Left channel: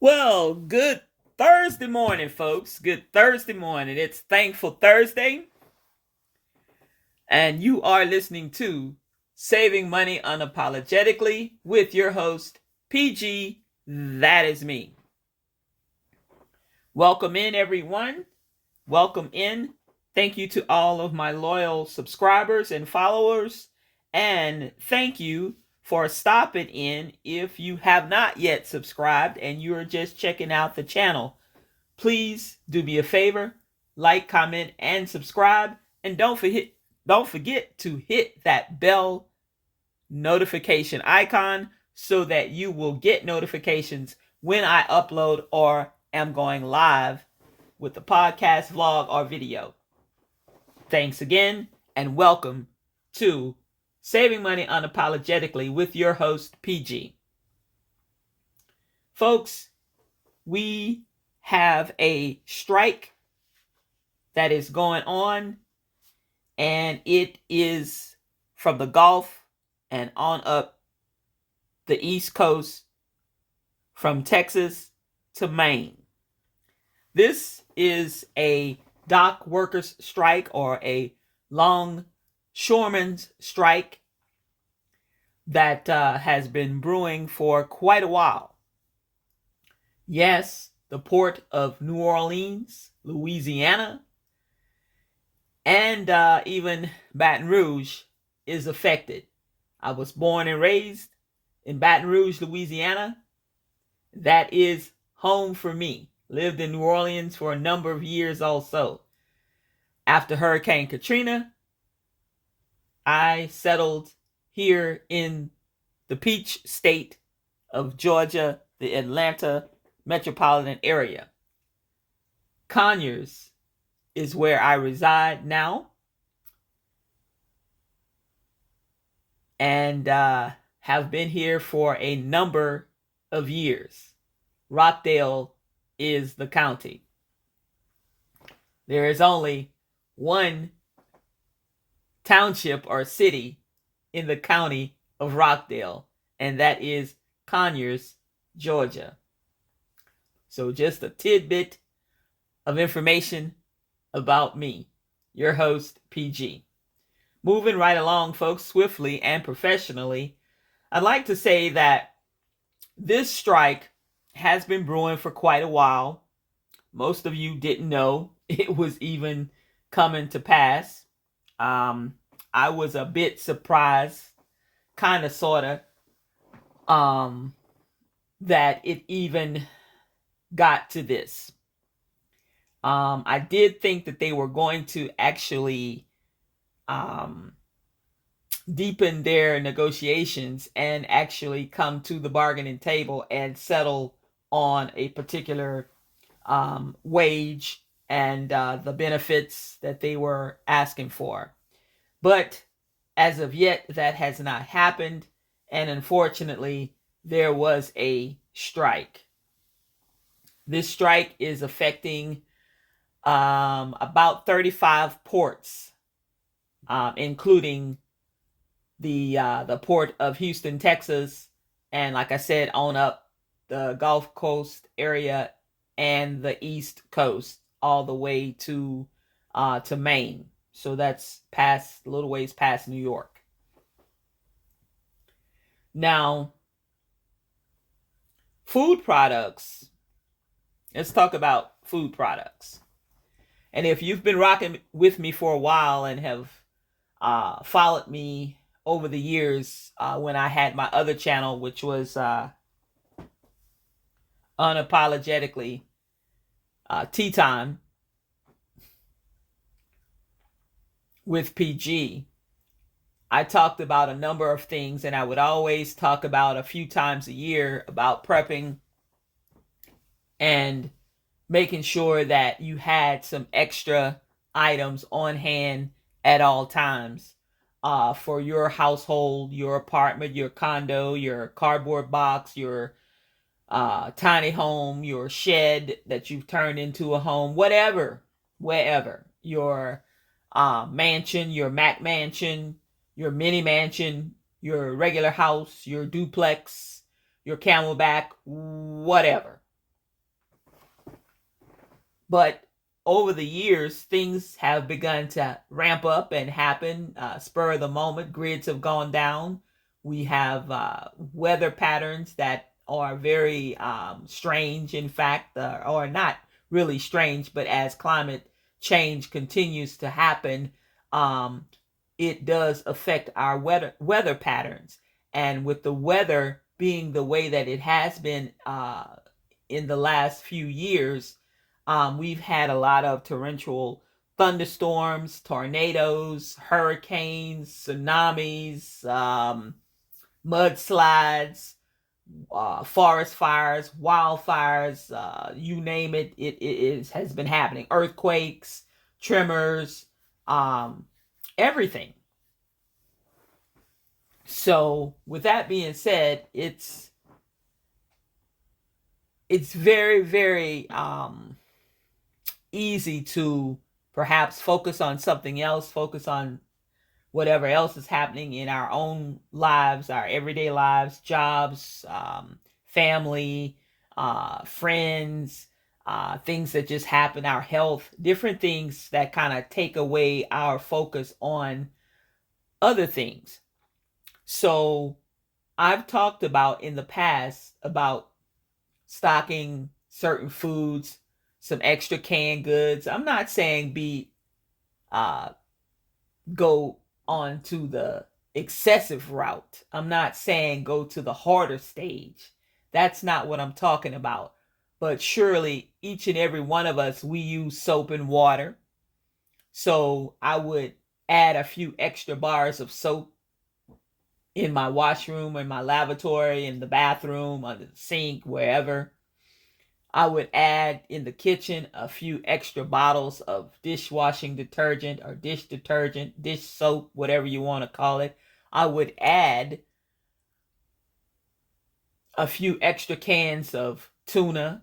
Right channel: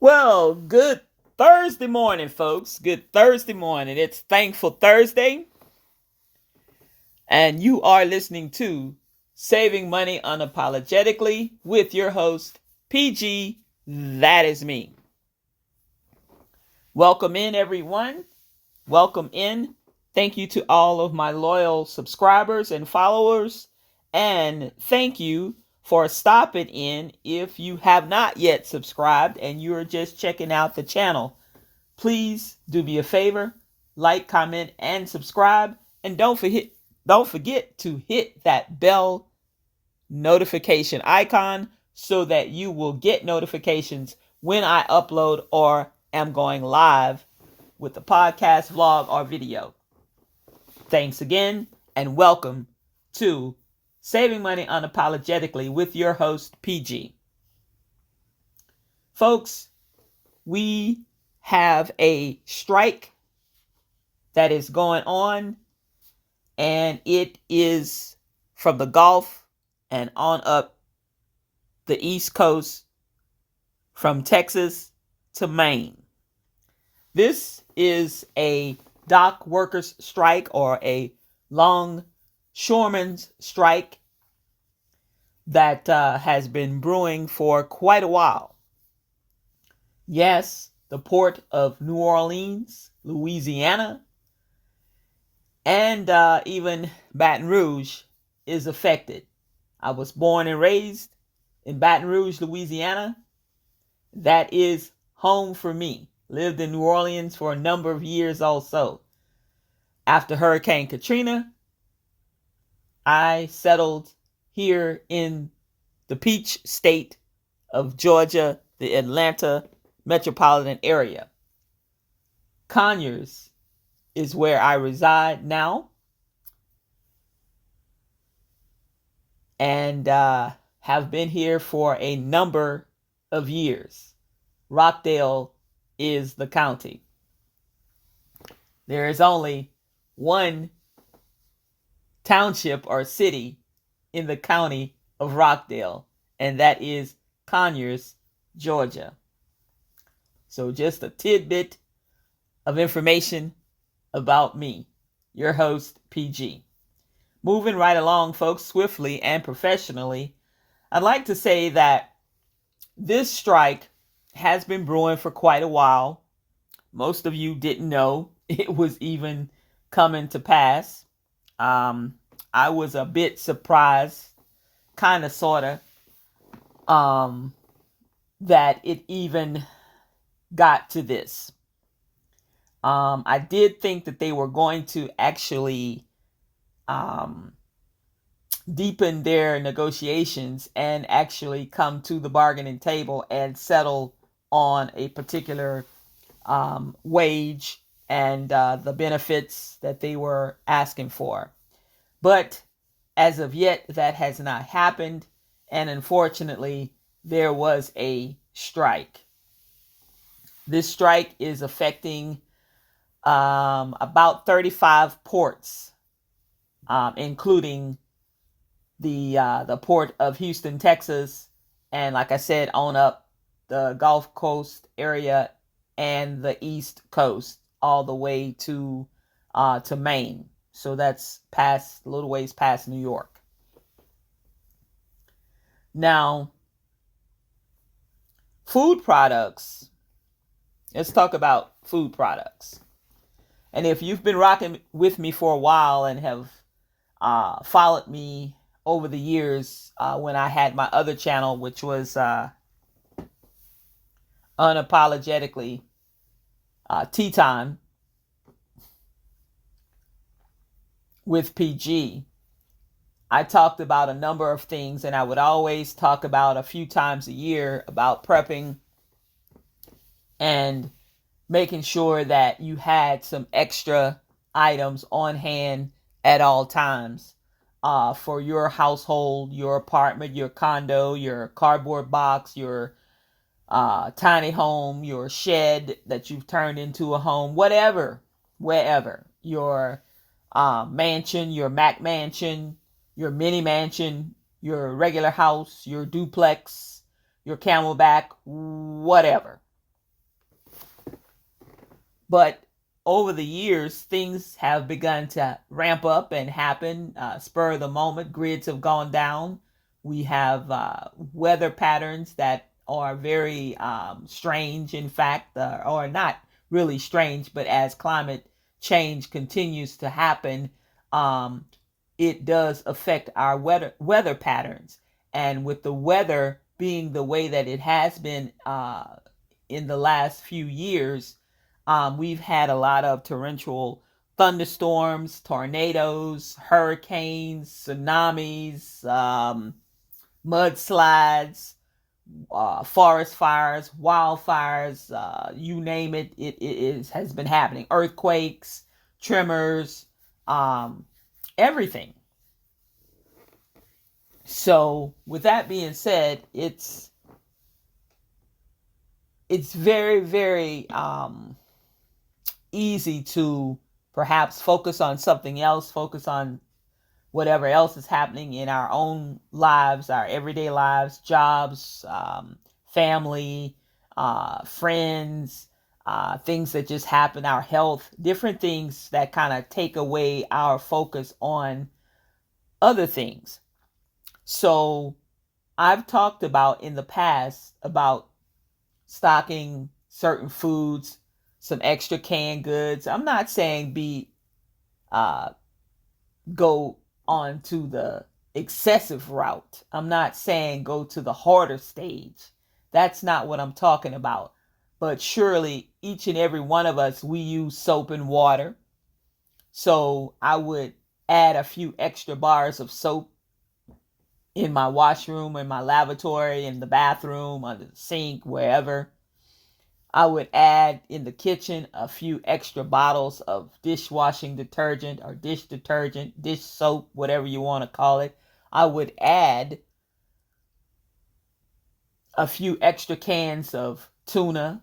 Well, good Thursday morning, folks. Good Thursday morning. It's Thankful Thursday, and you are listening to Saving Money Unapologetically with your host, PG. That is me. Welcome in, everyone. Welcome in. Thank you to all of my loyal subscribers and followers. And thank you for stopping in if you have not yet subscribed and you're just checking out the channel. Please do me a favor, like, comment, and subscribe. And don't forget to hit that bell notification icon so that you will get notifications when I upload or am going live with the podcast, vlog, or video. Thanks again, and welcome to Saving Money Unapologetically with your host, PG. Folks, we have a strike that is going on, and it is from the Gulf and on up the East Coast from Texas to Maine. This is a dock workers strike or a longshoremen's strike that has been brewing for quite a while. Yes, the port of New Orleans, Louisiana, and even Baton Rouge is affected. I was born and raised in Baton Rouge, Louisiana. That is home for me. Lived in New Orleans for a number of years also. After Hurricane Katrina, I settled here in the Peach State of Georgia, the Atlanta metropolitan area. Conyers is where I reside now, and have been here for a number of years. Rockdale is the county. There is only one township or city in the county of Rockdale, and that is Conyers, Georgia. So just a tidbit of information about me, your host, PG. Moving right along, folks, swiftly and professionally, I'd like to say that this strike has been brewing for quite a while. Most of you didn't know it was even coming to pass. I was a bit surprised, kind of, sort of, that it even got to this. I did think that they were going to actually deepen their negotiations and actually come to the bargaining table and settle on a particular wage and the benefits that they were asking for. But as of yet, that has not happened. And unfortunately, there was a strike. This strike is affecting about 35 ports, including the port of Houston, Texas, and like I said, on up the Gulf Coast area and the East Coast, all the way to Maine. So that's past, a little ways past New York. Now, food products. Let's talk about food products. And if you've been rocking with me for a while and have followed me over the years when I had my other channel, which was Unapologetically Tea Time with PG, I talked about a number of things, and I would always talk about a few times a year about prepping and making sure that you had some extra items on hand at all times for your household, your apartment, your condo, your cardboard box, your tiny home, your shed that you've turned into a home, whatever, wherever, your mansion, your Mac mansion, your mini mansion, your regular house, your duplex, your camelback, whatever. But over the years, things have begun to ramp up and happen, spur of the moment. Grids have gone down. We have weather patterns that are very strange, in fact, or not really strange, but as climate change continues to happen, um, it does affect our weather patterns. And with the weather being the way that it has been in the last few years, we've had a lot of torrential thunderstorms, tornadoes, hurricanes, tsunamis, mudslides, forest fires, wildfires, you name it, has been happening. Earthquakes, tremors, um, everything. So, with that being said, it's very, very easy to perhaps focus on something else, focus on whatever else is happening in our own lives, our everyday lives, jobs, family, friends, things that just happen, our health, different things that kind of take away our focus on other things. So I've talked about in the past about stocking certain foods, some extra canned goods. I'm not saying uh, go on to the excessive route. I'm not saying go to the harder stage. That's not what I'm talking about. But surely each and every one of us, we use soap and water. So I would add a few extra bars of soap in my washroom, in my lavatory, in the bathroom, under the sink, wherever. I would add in the kitchen a few extra bottles of dishwashing detergent or dish detergent, dish soap, whatever you want to call it. I would add a few extra cans of tuna,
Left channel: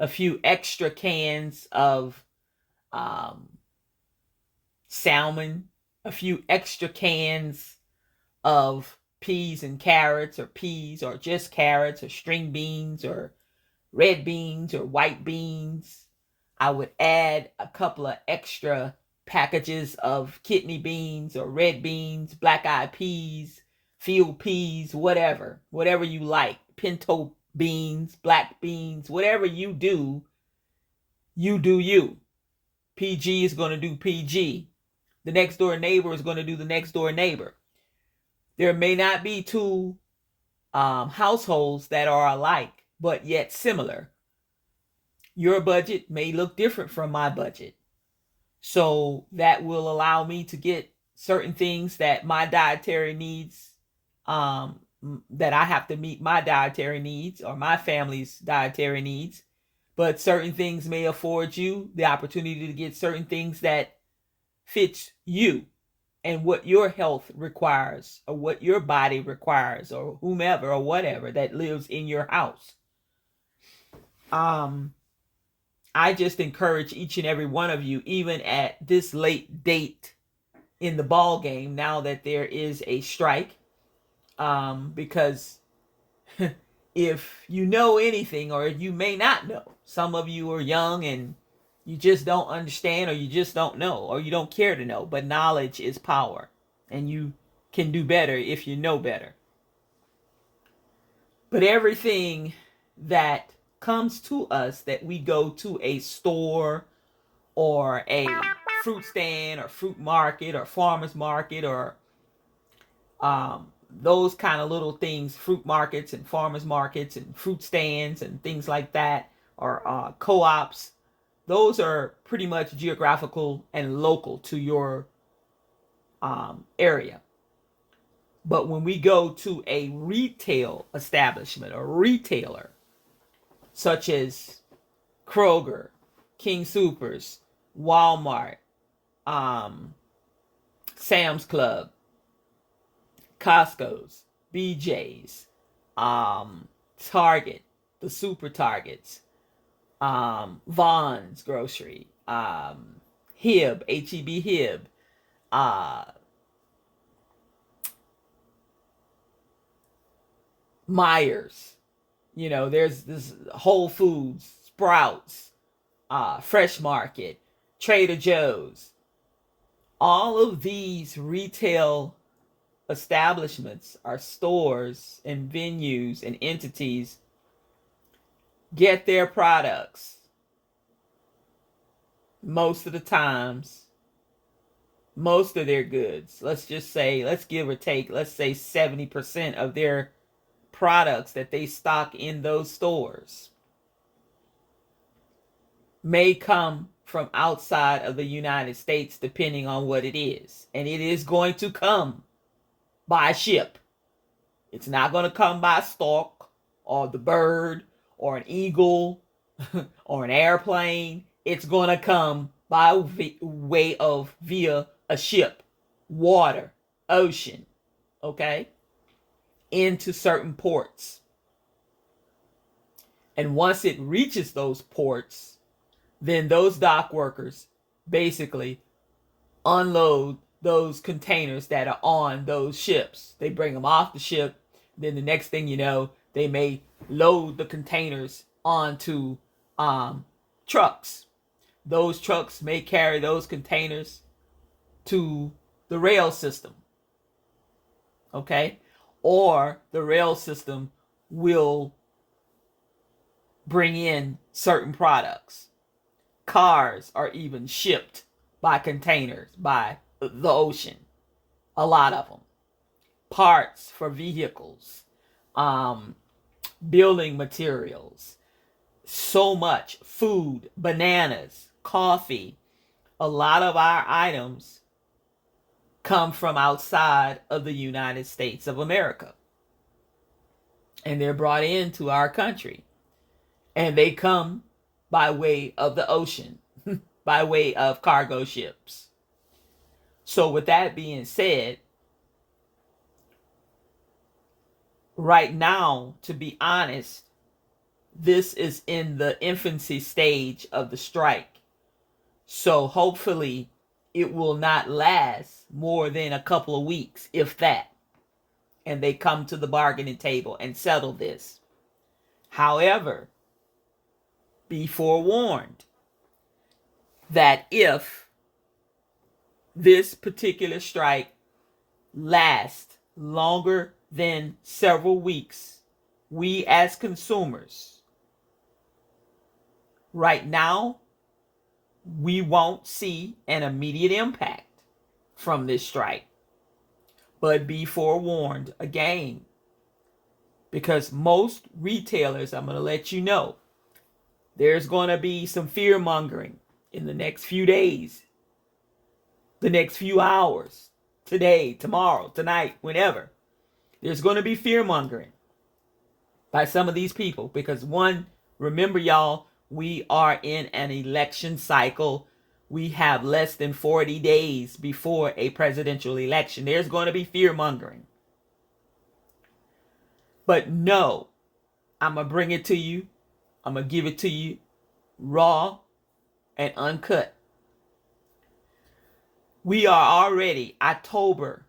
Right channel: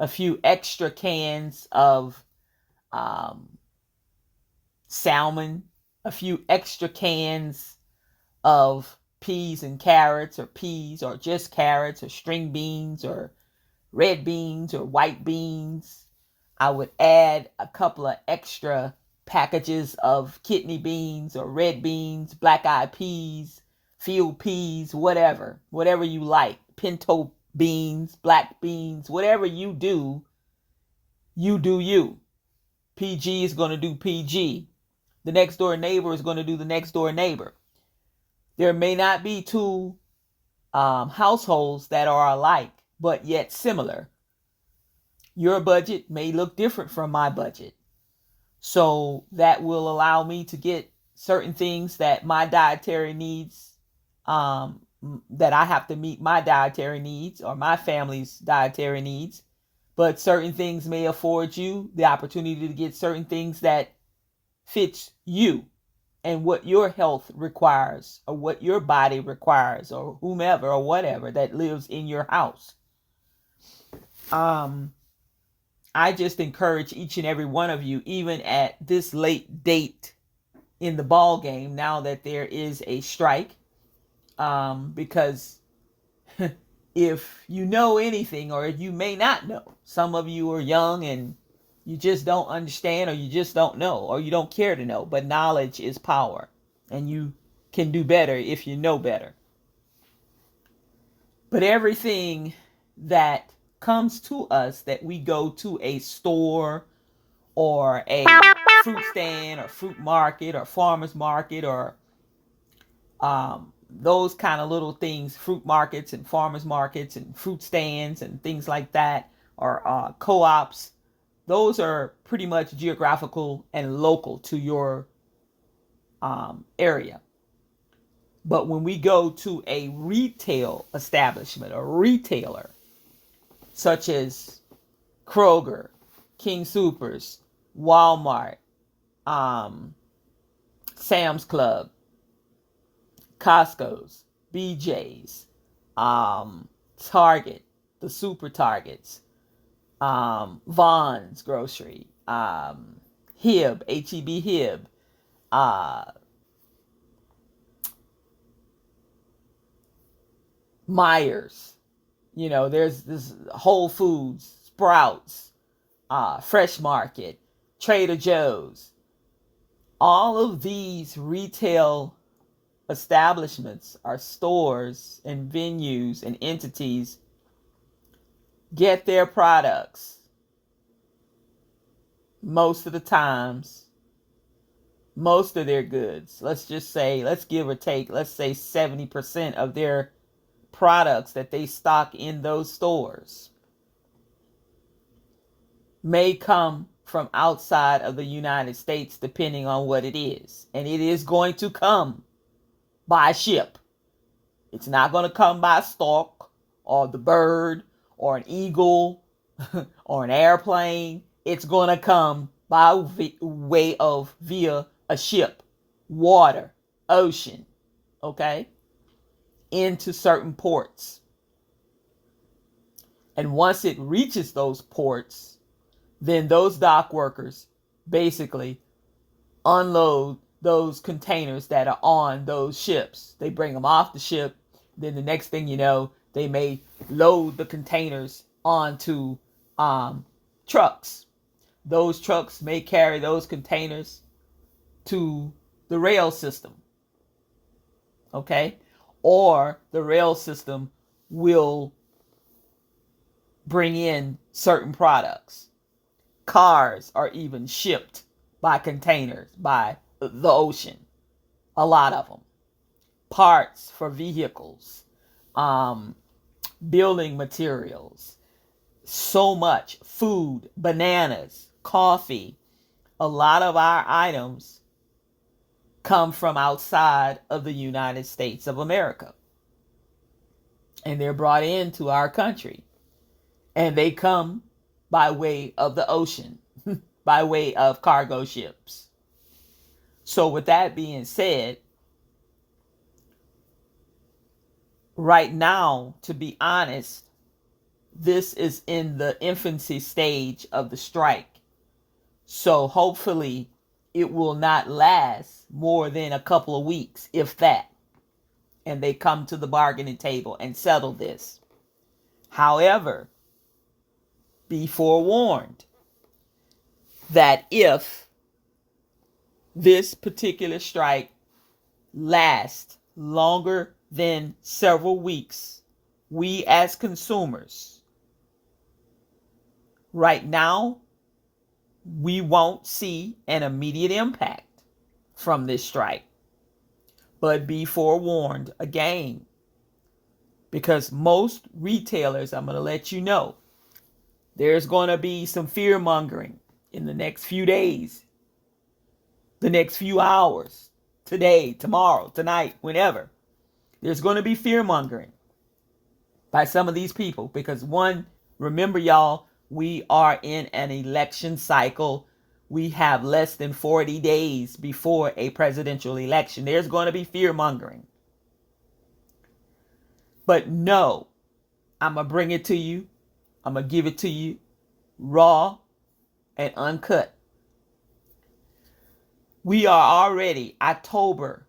a few extra cans of um, salmon, a few extra cans of peas and carrots, or peas, or just carrots, or string beans, or red beans, or white beans. I would add a couple of extra packages of kidney beans or red beans, black eyed peas, field peas, whatever you like, pinto beans, black beans, whatever you do, you do you. PG is going to do PG. The next door neighbor is going to do the next door neighbor. There may not be two households that are alike, but yet similar. Your budget may look different from my budget. So that will allow me to get certain things that my dietary needs, that I have to meet my dietary needs or my family's dietary needs. But certain things may afford you the opportunity to get certain things that fits you and what your health requires, or what your body requires, or whomever or whatever that lives in your house. Um, I just encourage each and every one of you, even at this late date in the ball game, now that there is a strike, because if you know anything, or you may not know, some of you are young and you just don't understand, or you just don't know, or you don't care to know, but knowledge is power, and you can do better if you know better. But everything that comes to us, that we go to a store or a fruit stand or fruit market or farmer's market, or those kind of little things, fruit markets and farmers markets and fruit stands and things like that, or co-ops, those are pretty much geographical and local to your area. But when we go to a retail establishment, a retailer, such as Kroger, King Soopers, Walmart, um, Sam's Club, Costco's, BJ's, Target, the super Targets, Vaughn's Grocery, Hib, HEB Hib, uh, Myers. There's this Whole Foods, Sprouts, Fresh Market, Trader Joe's. All of these retail establishments are stores and venues and entities get their products most of the times, most of their goods. Let's just say, let's give or take, let's say 70% of their products that they stock in those stores may come from outside of the United States, depending on what it is. And it is going to come by ship. It's not going to come by stork or the bird or an eagle or an airplane. It's going to come by way of via a ship, water, ocean, okay, into certain ports. And once it reaches those ports, then those dock workers basically unload those containers that are on those ships. They bring them off the ship. Then the next thing you know, they may load the containers onto trucks. Those trucks may carry those containers to the rail system. Okay? Or the rail system will bring in certain products. Cars are even shipped by containers, by the ocean. A lot of them. Parts for vehicles, building materials, so much food, bananas, coffee. A lot of our items come from outside of the United States of America. And they're brought into our country. And they come by way of the ocean, by way of cargo ships. So with that being said, right now, to be honest, this is in the infancy stage of the strike. So hopefully it will not last more than a couple of weeks, if that. And they come to the bargaining table and settle this. However, be forewarned that if this particular strike lasts longer than several weeks, we as consumers, right now, we won't see an immediate impact from this strike. But be forewarned again, because most retailers, I'm going to let you know, there's going to be some fear mongering in the next few days, the next few hours, today, tomorrow, tonight, whenever. There's going to be fear mongering by some of these people because, one, remember y'all, we are in an election cycle. We have less than 40 days before a presidential election. There's going to be fear mongering. But no, I'm going to bring it to you. I'm going to give it to you raw and uncut. We are already, October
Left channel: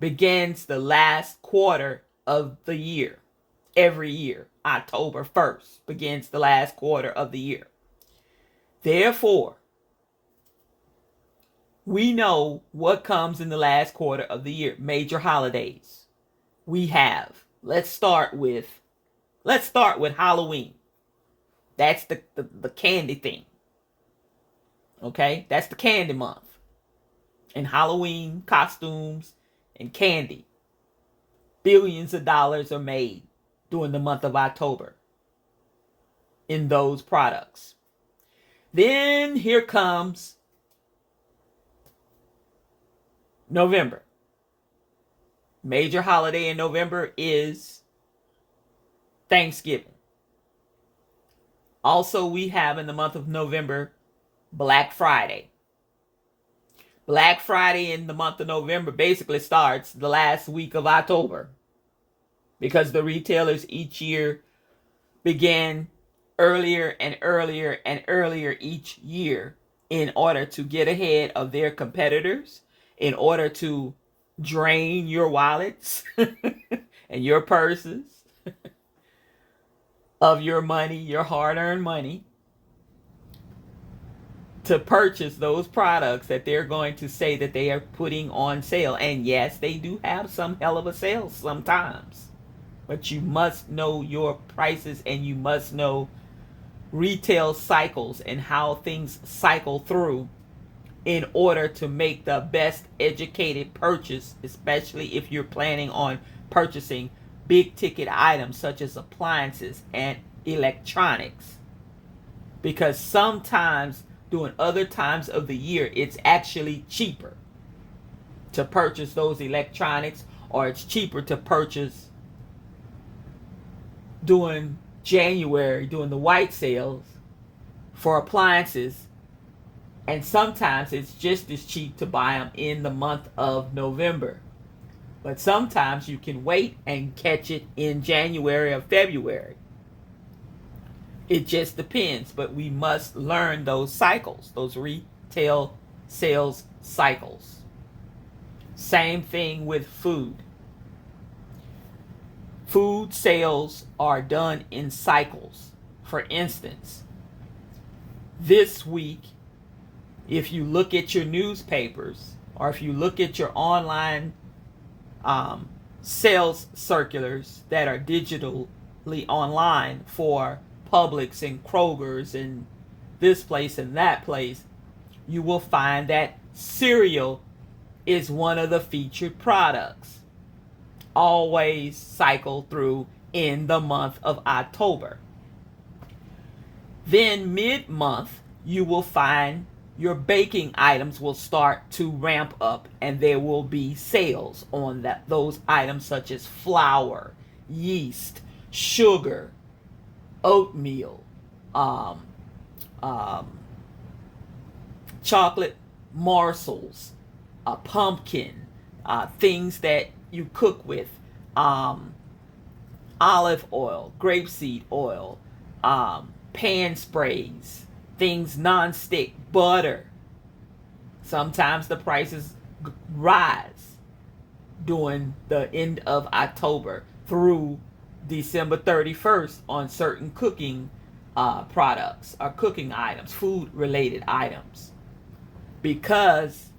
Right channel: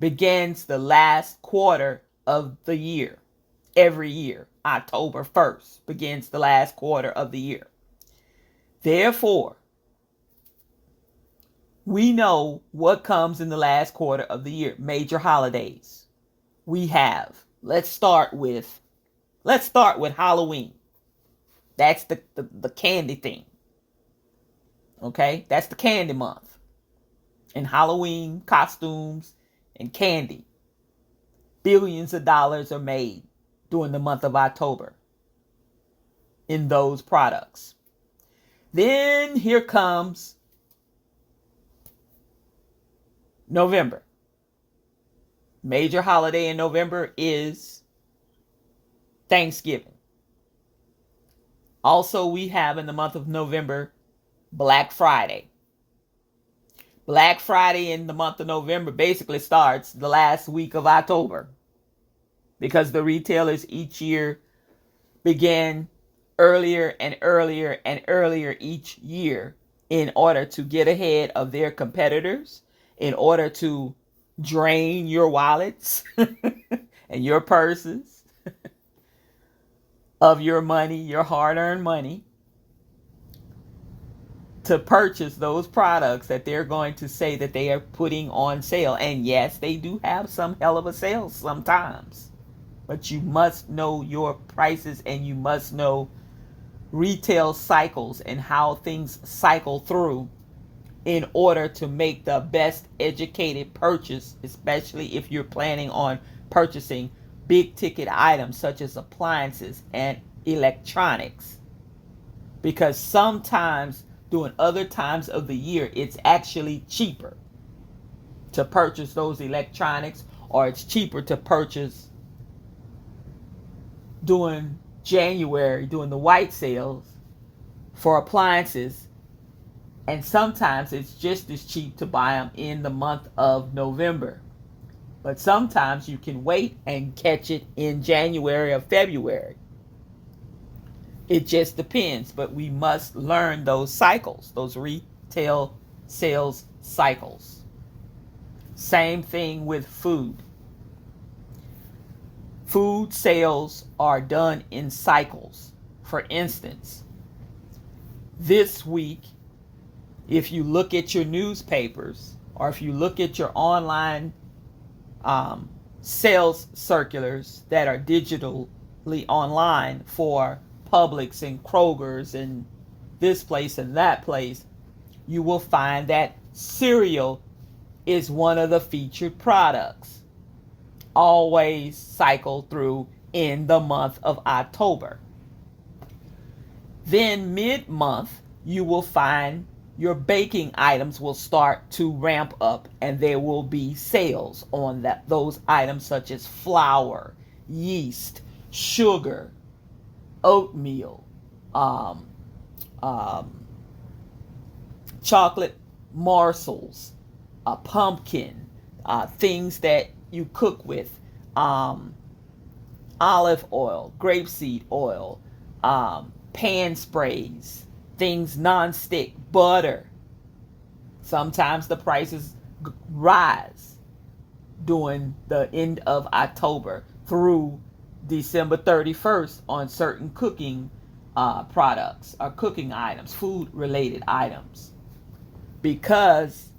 begins the last quarter of the year. Every year, October 1st begins the last quarter of the year. Therefore, we know what comes in the last quarter of the year. Major holidays. We have. Let's start with Halloween. That's the candy thing. Okay? That's the candy month. And Halloween costumes and candy. Billions of dollars are made during the month of October in those products. Then here comes November. Major holiday in November is Thanksgiving. Also, we have in the month of November, Black Friday. Black Friday in the month of November basically starts the last week of October because the retailers each year begin earlier and earlier and earlier each year in order to get ahead of their competitors, in order to drain your wallets and your purses of your money, your hard-earned money, to purchase those products that they're going to say that they are putting on sale. And yes, they do have some hell of a sales sometimes. But you must know your prices, and you must know retail cycles and how things cycle through in order to make the best educated purchase, especially if you're planning on purchasing big ticket items such as appliances and electronics. Because sometimes during other times of the year, it's actually cheaper to purchase those electronics, or it's cheaper to purchase during January, during the white sales for appliances. And sometimes it's just as cheap to buy them in the month of November. But sometimes you can wait and catch it in January or February. It just depends, but we must learn those cycles, those retail sales cycles. Same thing with food. Food sales are done in cycles. For instance, this week, if you look at your newspapers, or if you look at your online sales circulars that are digitally online for Publix and Kroger's and this place and that place, you will find that cereal is one of the featured products. Always cycle through in the month of October. Then mid-month, you will find your baking items will start to ramp up, and there will be sales on those items such as flour, yeast, sugar, oatmeal, chocolate morsels, pumpkin, things that you cook with, olive oil, grapeseed oil, pan sprays, things non-stick, butter. Sometimes the prices rise during the end of October through December 31st on certain cooking products or cooking items, food related items, because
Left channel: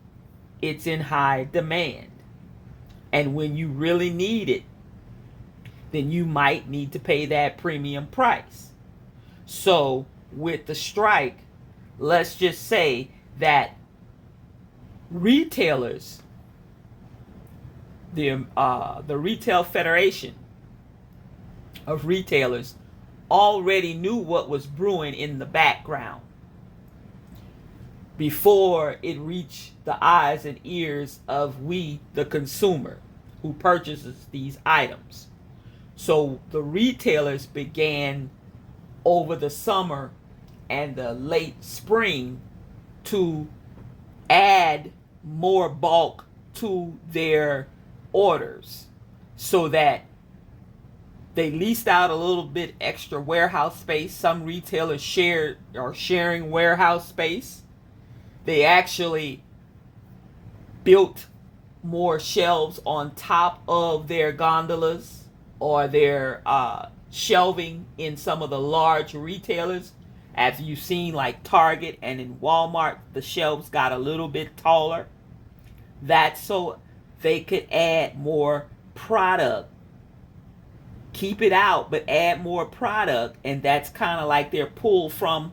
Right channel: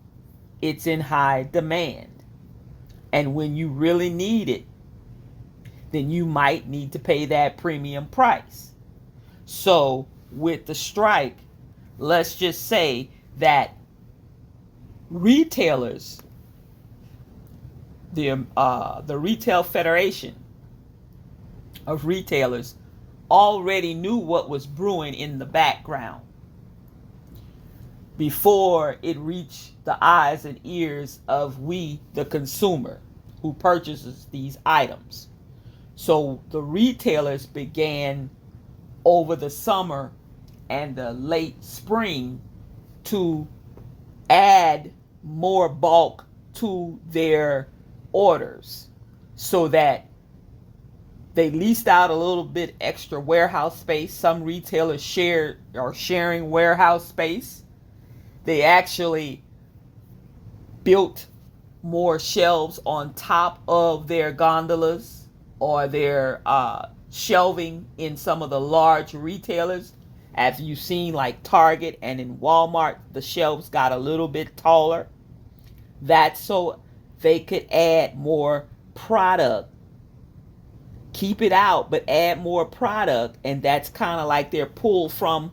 it's in high demand. And when you really need it, then you might need to pay that premium price. So with the strike, let's just say that retailers, the Retail Federation of Retailers, already knew what was brewing in the background before it reached the eyes and ears of we, the consumer, who purchases these items. So the retailers began over the summer and the late spring to add more bulk to their orders, so that they leased out a little bit extra warehouse space. Some retailers are sharing warehouse space. They actually built more shelves on top of their gondolas or their shelving in some of the large retailers. As you've seen, like Target and in Walmart, the shelves got a little bit taller. That's so they could add more product. Keep it out, but add more product. And that's kind of like their pull from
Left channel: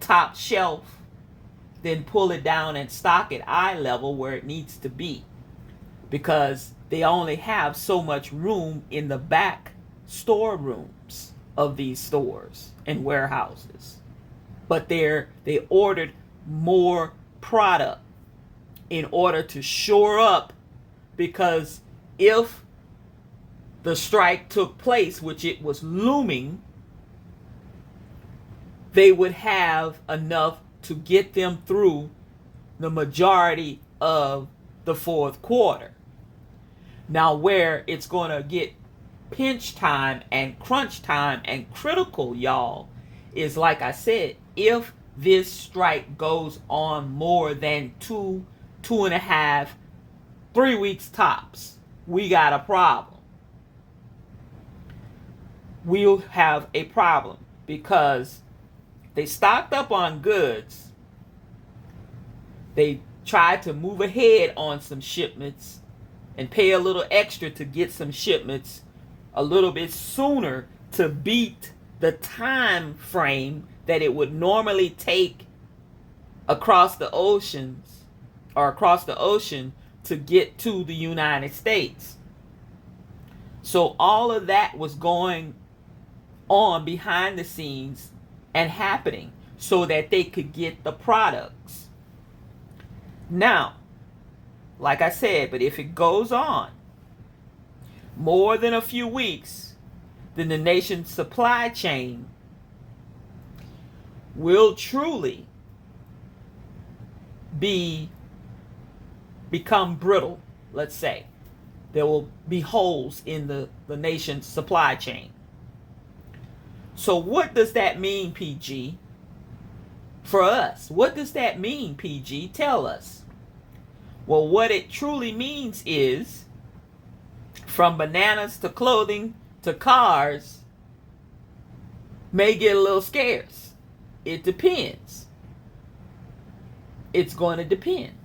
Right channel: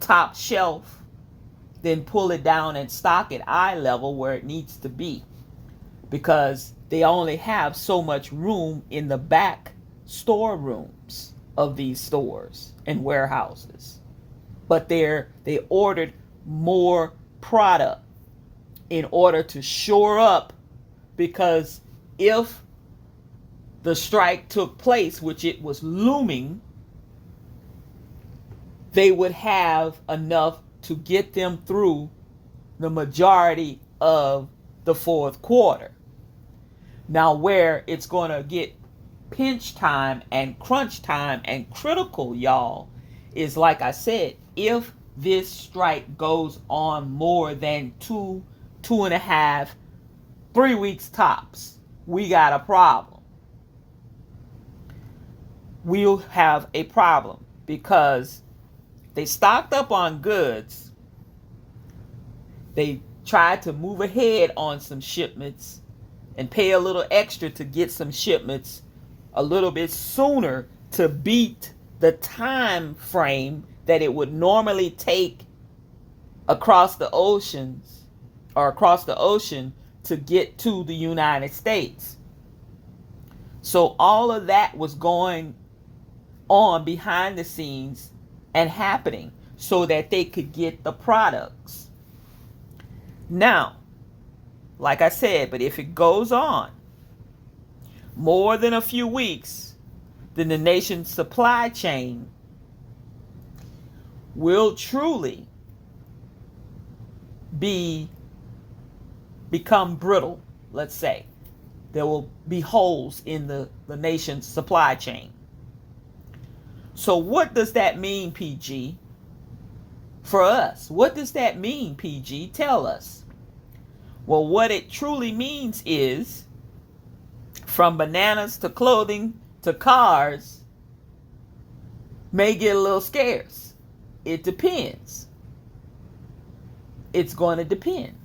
top shelf, then pull it down and stock at eye level where it needs to be, because they only have so much room in the back storerooms of these stores and warehouses. But they ordered more product in order to shore up, because if the strike took place, which it was looming, they would have enough to get them through the majority of the fourth quarter. Now, where it's going to get pinch time and crunch time and critical, y'all, is, like I said, if this strike goes on more than 2.5, 3 weeks tops, we got a problem. we'll have a problem because they stocked up on goods. They tried to move ahead on some shipments and pay a little extra to get some shipments a little bit sooner to beat the time frame that it would normally take across the oceans or across the ocean to get to the United States. So all of that was going on behind the scenes and happening so that they could get the products. Now, like I said, but if it goes on more than a few weeks, then the nation's supply chain will truly become brittle, let's say. There will be holes in the nation's supply chain. So what does that mean, PG, for us? What does that mean, PG? Tell us. Well, what it truly means is from bananas to clothing to cars may get a little scarce. It depends. It's going to depend.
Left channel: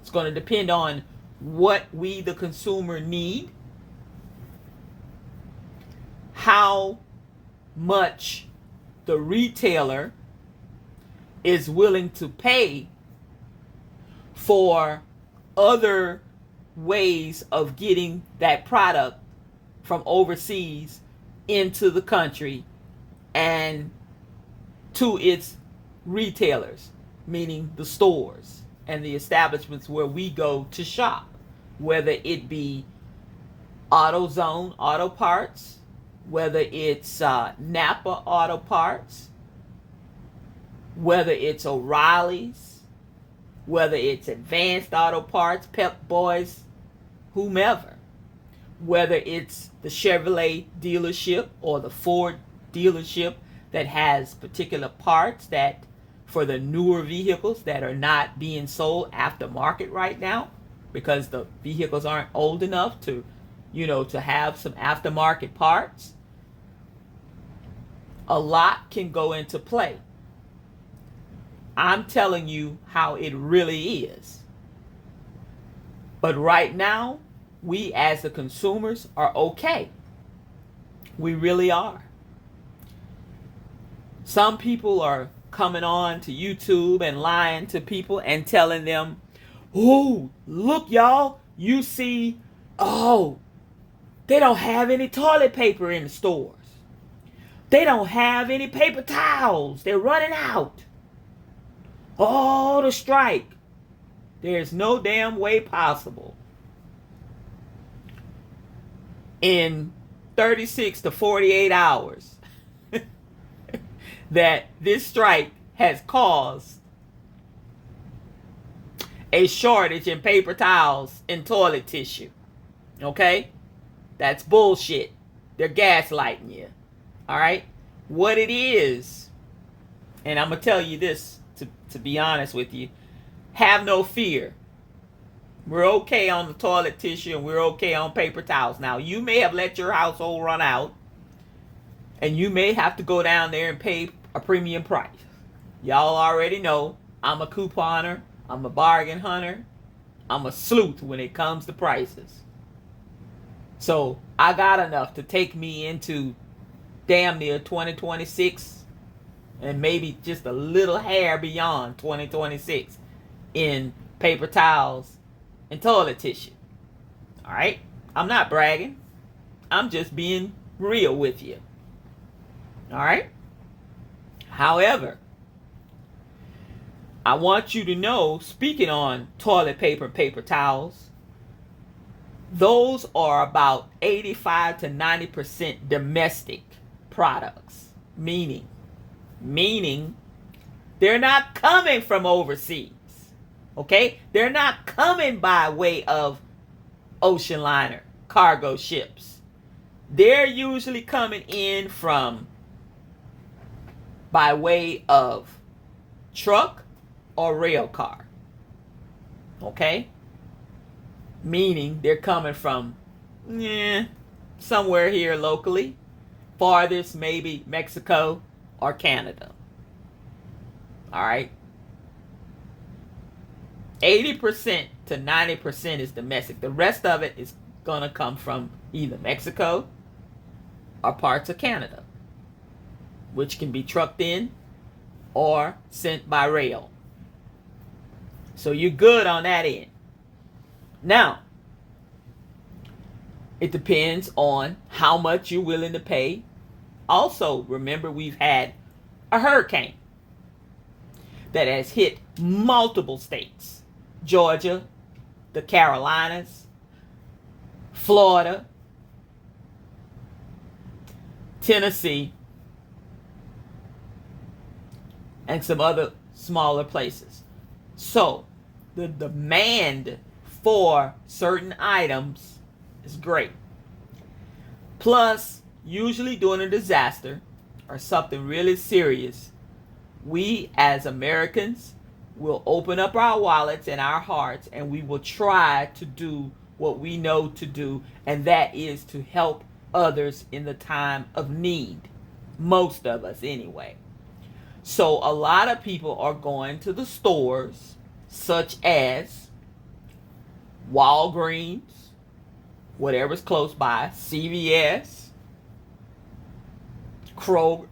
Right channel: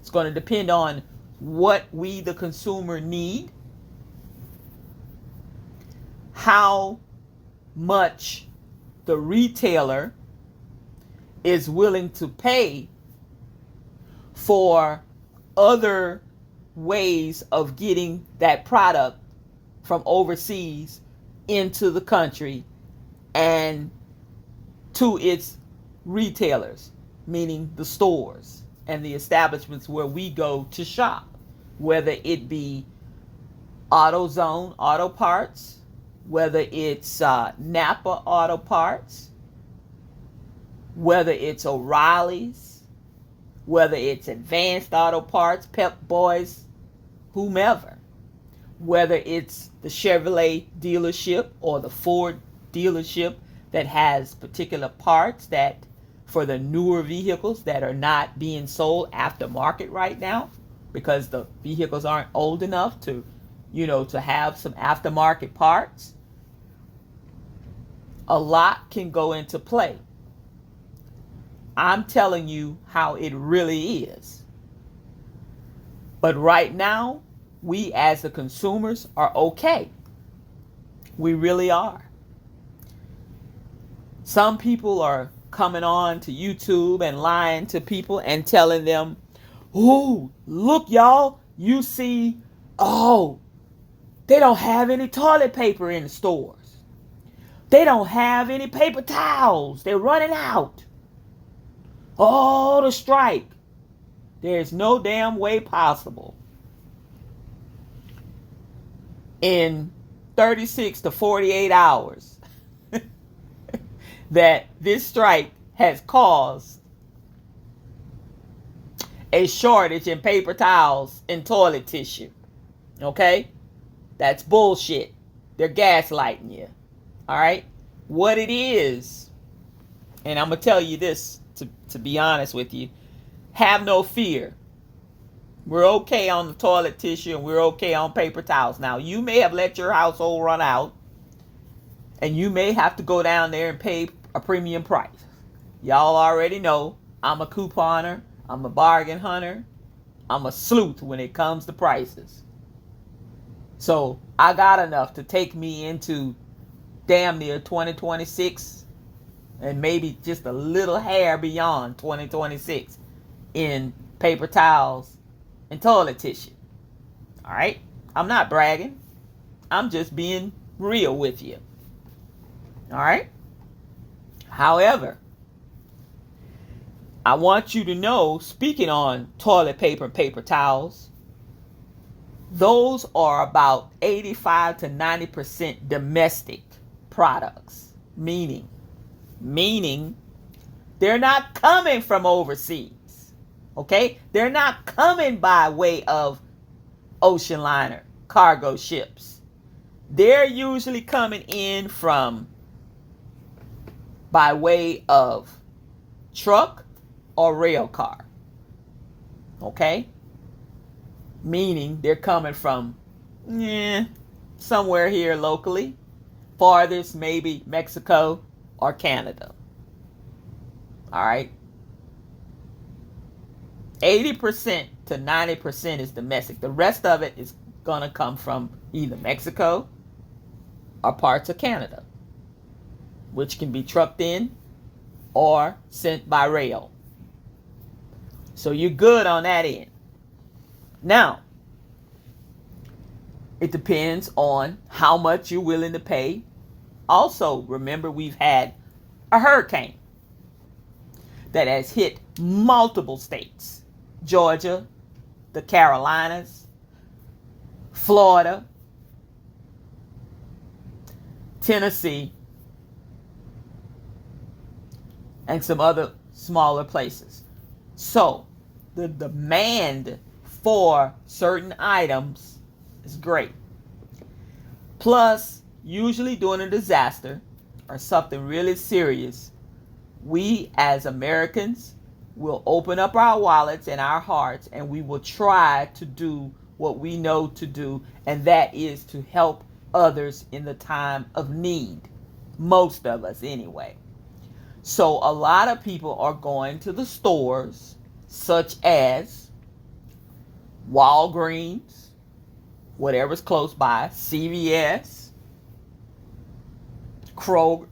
It's going to depend on what we, the consumer, need, how much the retailer is willing to pay for other ways of getting that product from overseas into the country and to its retailers, meaning the stores and the establishments where we go to shop, whether it be AutoZone Auto Parts, whether it's Napa Auto Parts, whether it's O'Reilly's, whether it's Advanced Auto Parts, Pep Boys, whomever, whether it's the Chevrolet dealership or the Ford dealership that has particular parts that for the newer vehicles that are not being sold aftermarket right now because the vehicles aren't old enough to, to have some aftermarket parts. A lot can go into play. I'm telling you how it really is. But right now, we as the consumers are okay. We really are. Some people are coming on to YouTube and lying to people and telling them, "Oh, look, y'all, you see, they don't have any toilet paper in the stores. They don't have any paper towels. They're running out. Oh, the strike." There's no damn way possible in 36 to 48 hours that this strike has caused a shortage in paper towels and toilet tissue. Okay? That's bullshit. They're gaslighting you. All right? What it is, and I'm going to tell you this to be honest with you, have no fear. We're okay on the toilet tissue and we're okay on paper towels. Now, you may have let your household run out and you may have to go down there and pay a premium price. Y'all already know I'm a couponer, I'm a bargain hunter, I'm a sleuth when it comes to prices. So I got enough to take me into damn near 2026 and maybe just a little hair beyond 2026 in paper towels and toilet tissue. All right? I'm not bragging. I'm just being real with you. All right? However, I want you to know, speaking on toilet paper and paper towels, those are about 85 to 90% domestic products, meaning they're not coming from overseas. Okay? They're not coming by way of ocean liner, cargo ships. They're usually coming in by way of truck or rail car. Okay? Meaning they're coming from somewhere here locally. Farthest, maybe Mexico or Canada. All right. 80% to 90% is domestic. The rest of it is going to come from either Mexico or parts of Canada, which can be trucked in or sent by rail. So you're good on that end. Now, it depends on how much you're willing to pay. Also, remember, we've had a hurricane that has hit multiple states: Georgia, the Carolinas, Florida, Tennessee, and some other smaller places. So the demand for certain items is great. Plus, usually during a disaster or something really serious, we as Americans will open up our wallets and our hearts, and we will try to do what we know to do, and that is to help others in the time of need. Most of us, anyway. So a lot of people are going to the stores such as Walgreens, whatever's close by, CVS, Kroger,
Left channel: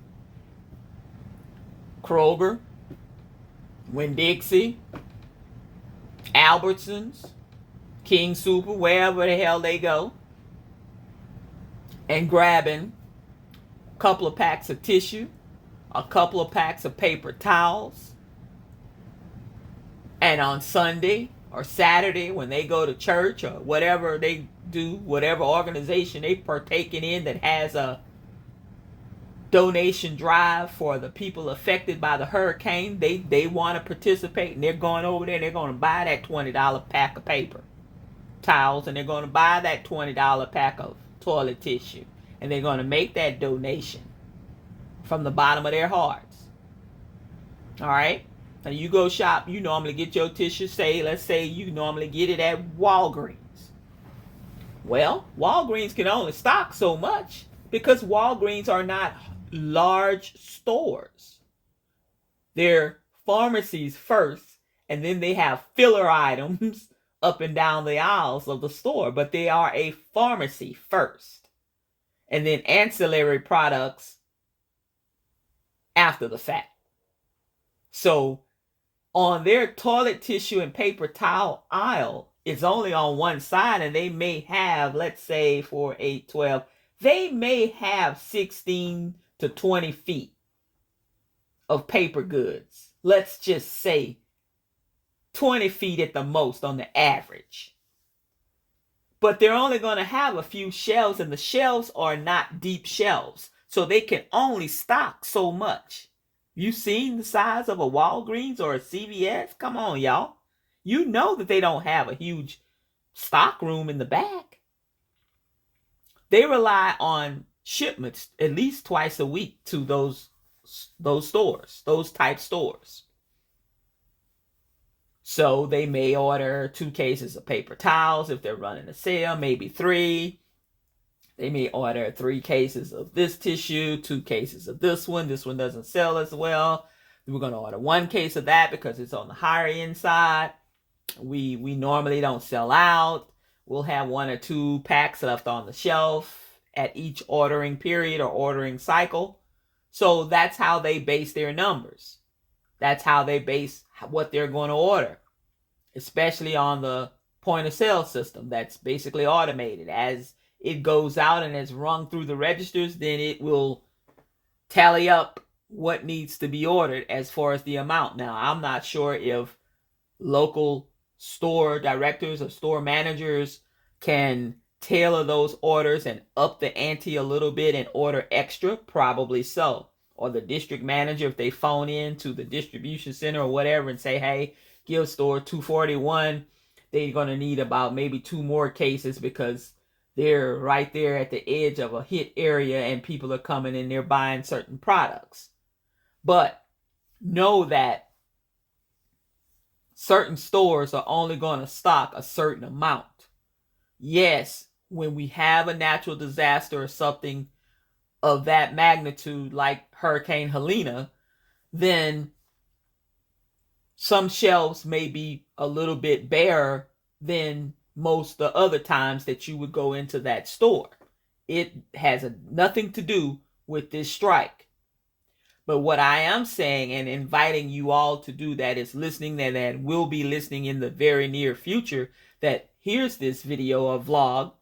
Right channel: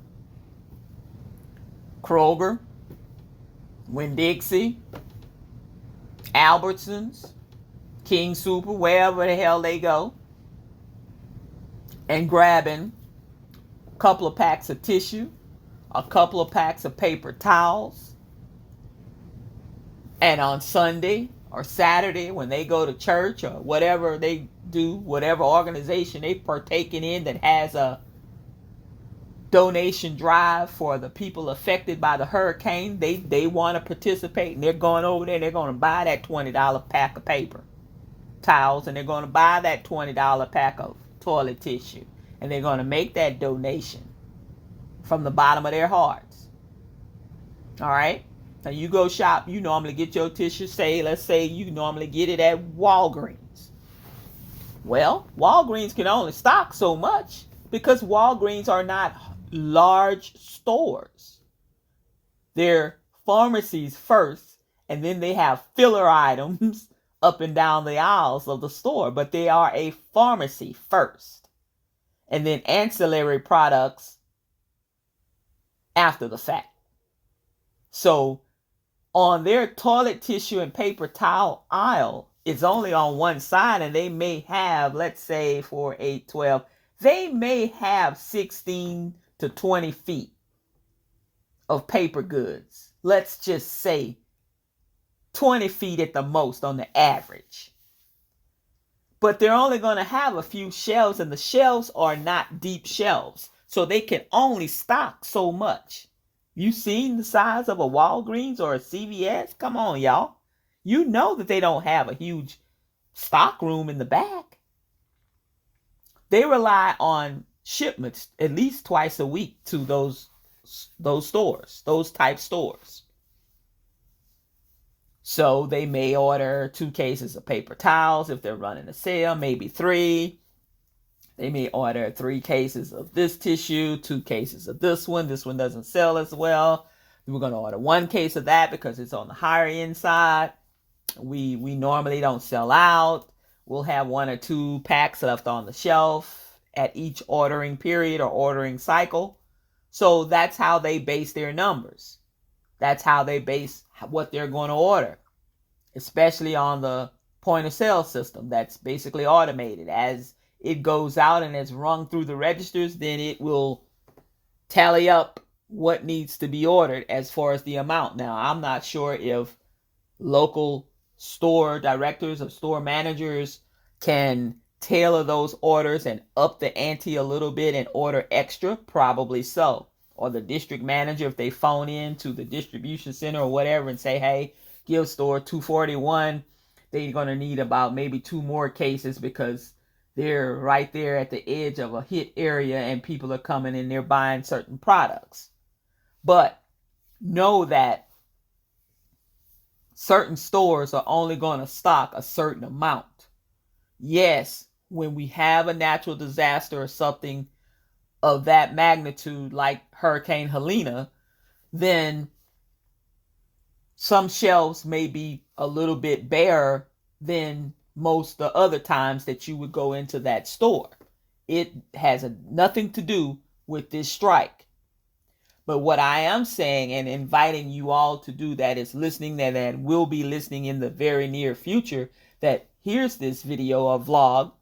Winn-Dixie, Albertsons, King Super, wherever the hell they go, and grabbing a couple of packs of tissue, a couple of packs of paper towels. And on Sunday or Saturday, when they go to church or whatever they do, whatever organization they partaking in that has a donation drive for the people affected by the hurricane, they want to participate, and they're going over there and they're going to buy that $20 pack of paper towels, and they're going to buy that $20 pack of toilet tissue, and they're going to make that donation from the bottom of their hearts. All right? Now you go shop, you normally get your tissue, let's say you normally get it at Walgreens. Well, Walgreens can only stock so much because Walgreens are not large stores. They're pharmacies first, and then they have filler items up and down the aisles of the store, but they are a pharmacy first, and then ancillary products after the fact. So on their toilet tissue and paper towel aisle, it's only on one side, and they may have, let's say for 8, 12, they may have 16 to 20 feet of paper goods. Let's just say 20 feet at the most on the average. But they're only going to have a few shelves, and the shelves are not deep shelves, so they can only stock so much. You seen the size of a Walgreens or a CVS? Come on, y'all. You know that they don't have a huge stock room in the back. They rely on shipments at least twice a week to those stores, those type stores. So they may order 2 cases of paper towels if they're running a sale, maybe 3. They may order 3 cases of this tissue, 2 cases of this one. This one doesn't sell as well. We're going to order 1 case of that because it's on the higher end side. We normally don't sell out. We'll have 1 or 2 packs left on the shelf at each ordering period or ordering cycle. So that's how they base their numbers. That's how they base what they're going to order, especially on the point of sale system that's basically automated. As it goes out and is rung through the registers, then it will tally up what needs to be ordered as far as the amount. Now, I'm not sure if local store directors or store managers can tailor those orders and up the ante a little bit and order extra. Probably so. Or the district manager, if they phone in to the distribution center or whatever and say, hey, give store 241, they're going to need about maybe 2 more cases because they're right there at the edge of a hit area and people are coming in, they're buying certain products. But know that certain stores are only going to stock a certain amount. Yes, when we have a natural disaster or something of that magnitude, like Hurricane Helena, then some shelves may be a little bit barer than most the other times that you would go into that store. It has nothing to do with this strike. But what I am saying and inviting you all to do that is listening, that will be listening in the very near future, that here's this video or vlog,